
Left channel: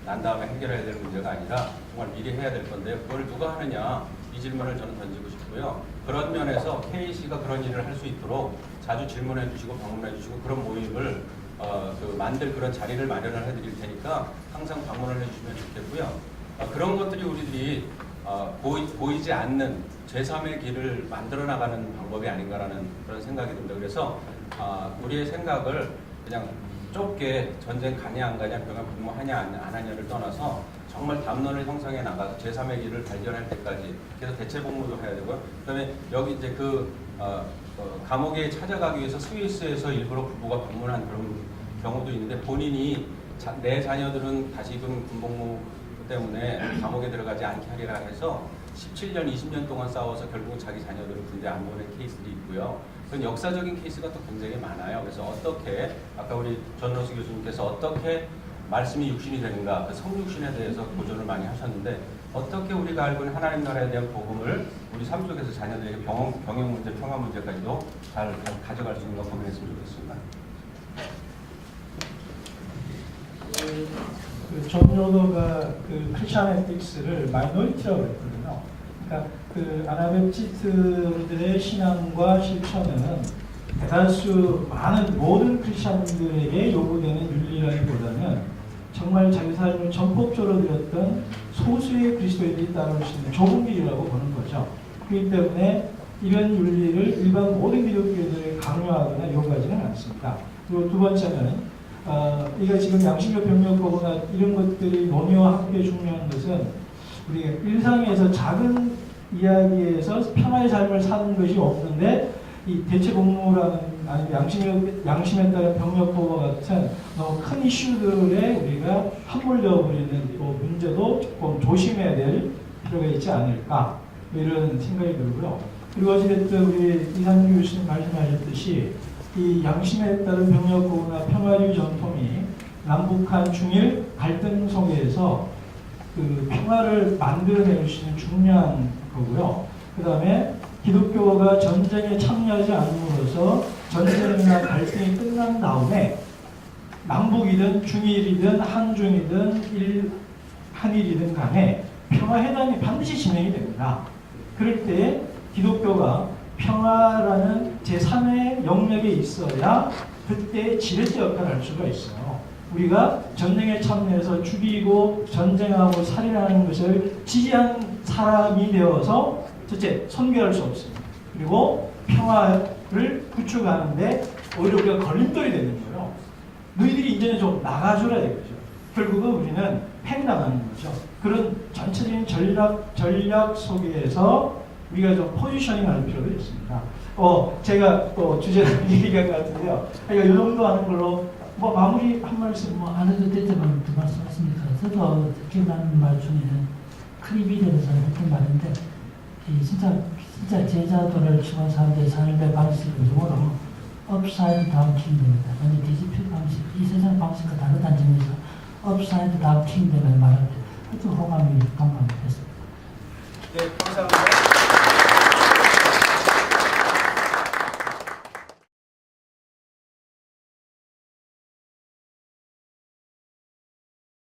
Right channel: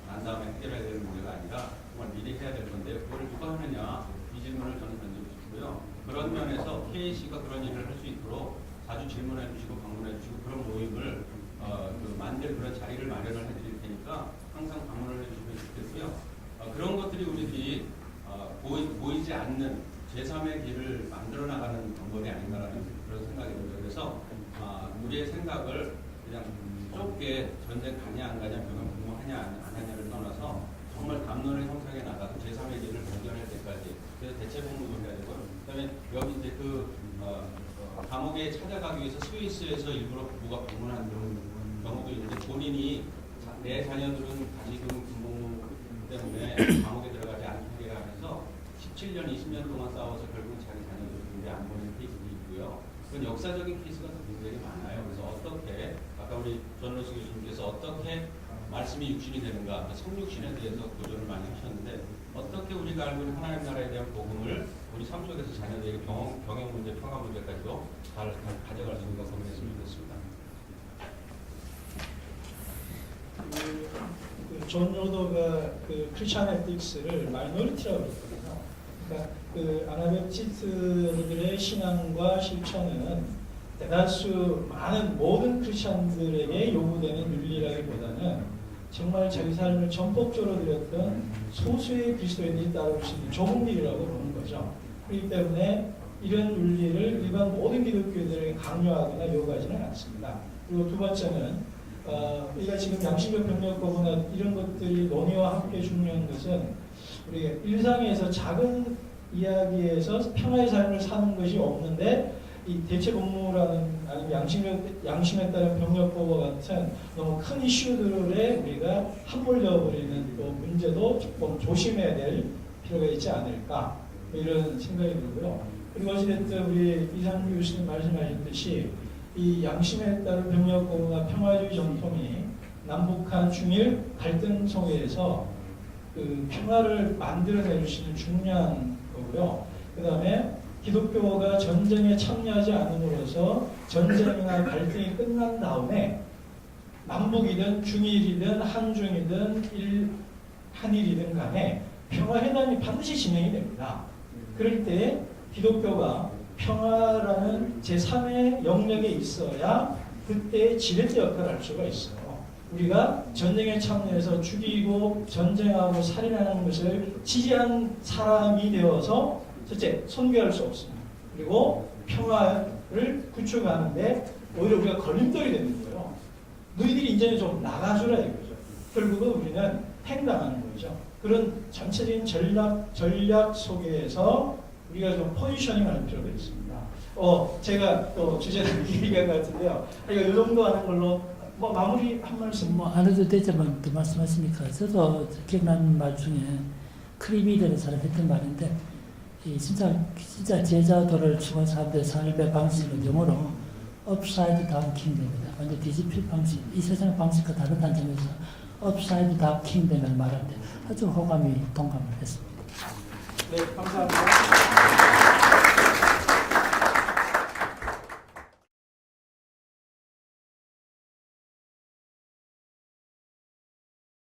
난 다음에 해결해야 될 문제가 아니라 정말 미리 해야 될 건데요. 그걸 누가 하느냐, 이 질문을 저는 던지고 싶고요. 그런 면에서 KC가 그런 일을 할 수 있도록 자주 질문해 주시고 방문해 주시고 그런 모임을 만들 그런 자리를 마련을 해드릴 테니까 항상 방문을 해주시면 좋겠고요. 그런 것들이 우리들이 보이지 않는 제3의 길을 만들어 나가는 방법이 아닌가라는 그런 생각이 듭니다. 그래서 우리의 생각을 그냥 좁게 전쟁 가냐 안 가냐, 병역 복무하냐 안 하냐를 떠나서 정말 담론을 형성해 나가서 제3의 길을 발견할 때까지 그래서 대체 복무도 해야 되고요. 그다음에 여기 이제 감옥에 찾아가기 위해서 스위스에서 일부러 부부가 방문한 그런 경우도 있는데, 본인이 내 자녀들은 다시금 군복무 때문에 감옥에 들어가지 않게 하리라 해서 17년, 20년 동안 싸워서 결국 자기 자녀들을 군대 안 보낸 케이스도 있고요. 그런 역사적인 케이스가 또 굉장히 많아요. 그래서 어떻게 아까 우리 존 로스 교수님께서 어떻게 말씀이 육신이 되는가, 그 성육신에 대해서 고전을 많이 하셨는데, 어떻게 우리가 알고 있는 하나님 나라에 대한 복음을 우리 삶 속에서 자녀들에게 병역 문제, 평화 문제까지도 잘 가져갈 수 있는 거 고민했으면 좋겠습니다. 존 로더가 크리스천 에틱스를 마이너리티라고 했거든요. 그러니까 아나베프티스트들의 신앙과 실천은 대다수 많은 모든 크리스천들에게 요구되는 윤리라기보다는 정말 자기 삶을 전폭적으로 드렸던 소수의 그리스도인들이 따라올 수 있는 좁은 길이라고 보는 거죠. 그렇기 때문에 이런 윤리를 일반 모든 기독교인들에게 강요하거나 요구하지는 않습니다. 그리고 두 번째는 이거 지금 양심적 병력법이나 이런 것들이 논의와 함께 중요한 것은 우리가 일상에서 작은 이야기에서 평화의 삶을 사는 것이 없는데, 이 대체 복무라는 아니면 양심에 따른 병력법과 같은 너무 큰 이슈들에 우리가 함몰되어 버리는 문제도 조금 조심해야 될 필요가 있지 않을까, 이런 생각이 들고요. 그리고 어찌됐든 우리 이상규 교수님 말씀하셨듯이 이 양심에 따른 병력법이나 평화주의 전통이 남북한 중일 갈등 속에서 평화를 만들어낼 수 있는 중요한 거고요. 그 다음에 기독교가 전쟁에 참여하지 않음으로써 전쟁이나 갈등이 끝난 다음에 남북이든 중일이든 한중이든 한일이든 간에 평화회담이 반드시 진행이 됩니다. 그럴 때 기독교가 평화라는 제3의 영역에 있어야 그때 지렛대 역할을 할 수가 있어요. 우리가 전쟁에 참여해서 죽이고 전쟁하고 살인하는 것을 지지한 사람이 되어서 첫째, 선교할 수 없습니다. 그리고 평화를 구축하는데 오히려 우리가 걸림돌이 되는 거예요. 너희들이 이제는 좀 나가줘야 되겠죠. 결국은 우리는 팽당하는 거죠. 그런 전체적인 전략 속에서 우리가 좀 포지셔닝 하는 필요도 있습니다. 제가 또 주제는 얘기할 것 같은데요. 그러니까 이 정도 하는 걸로 뭐 마무리 한 말씀. 안 해도 되지만 또 말씀하시니까 저도 기억나는 말 중에 크리비드에서 했던 말인데 진짜 제자도를 추구한 사람들의 삶의 방식은 영어로 upside down kingdom입니다. 완전 뒤집힌 방식, 이 세상 방식과 다르다는 점에서 upside down kingdom을 말할 때 아주 호감이 동감했습니다. 네, 감사합니다.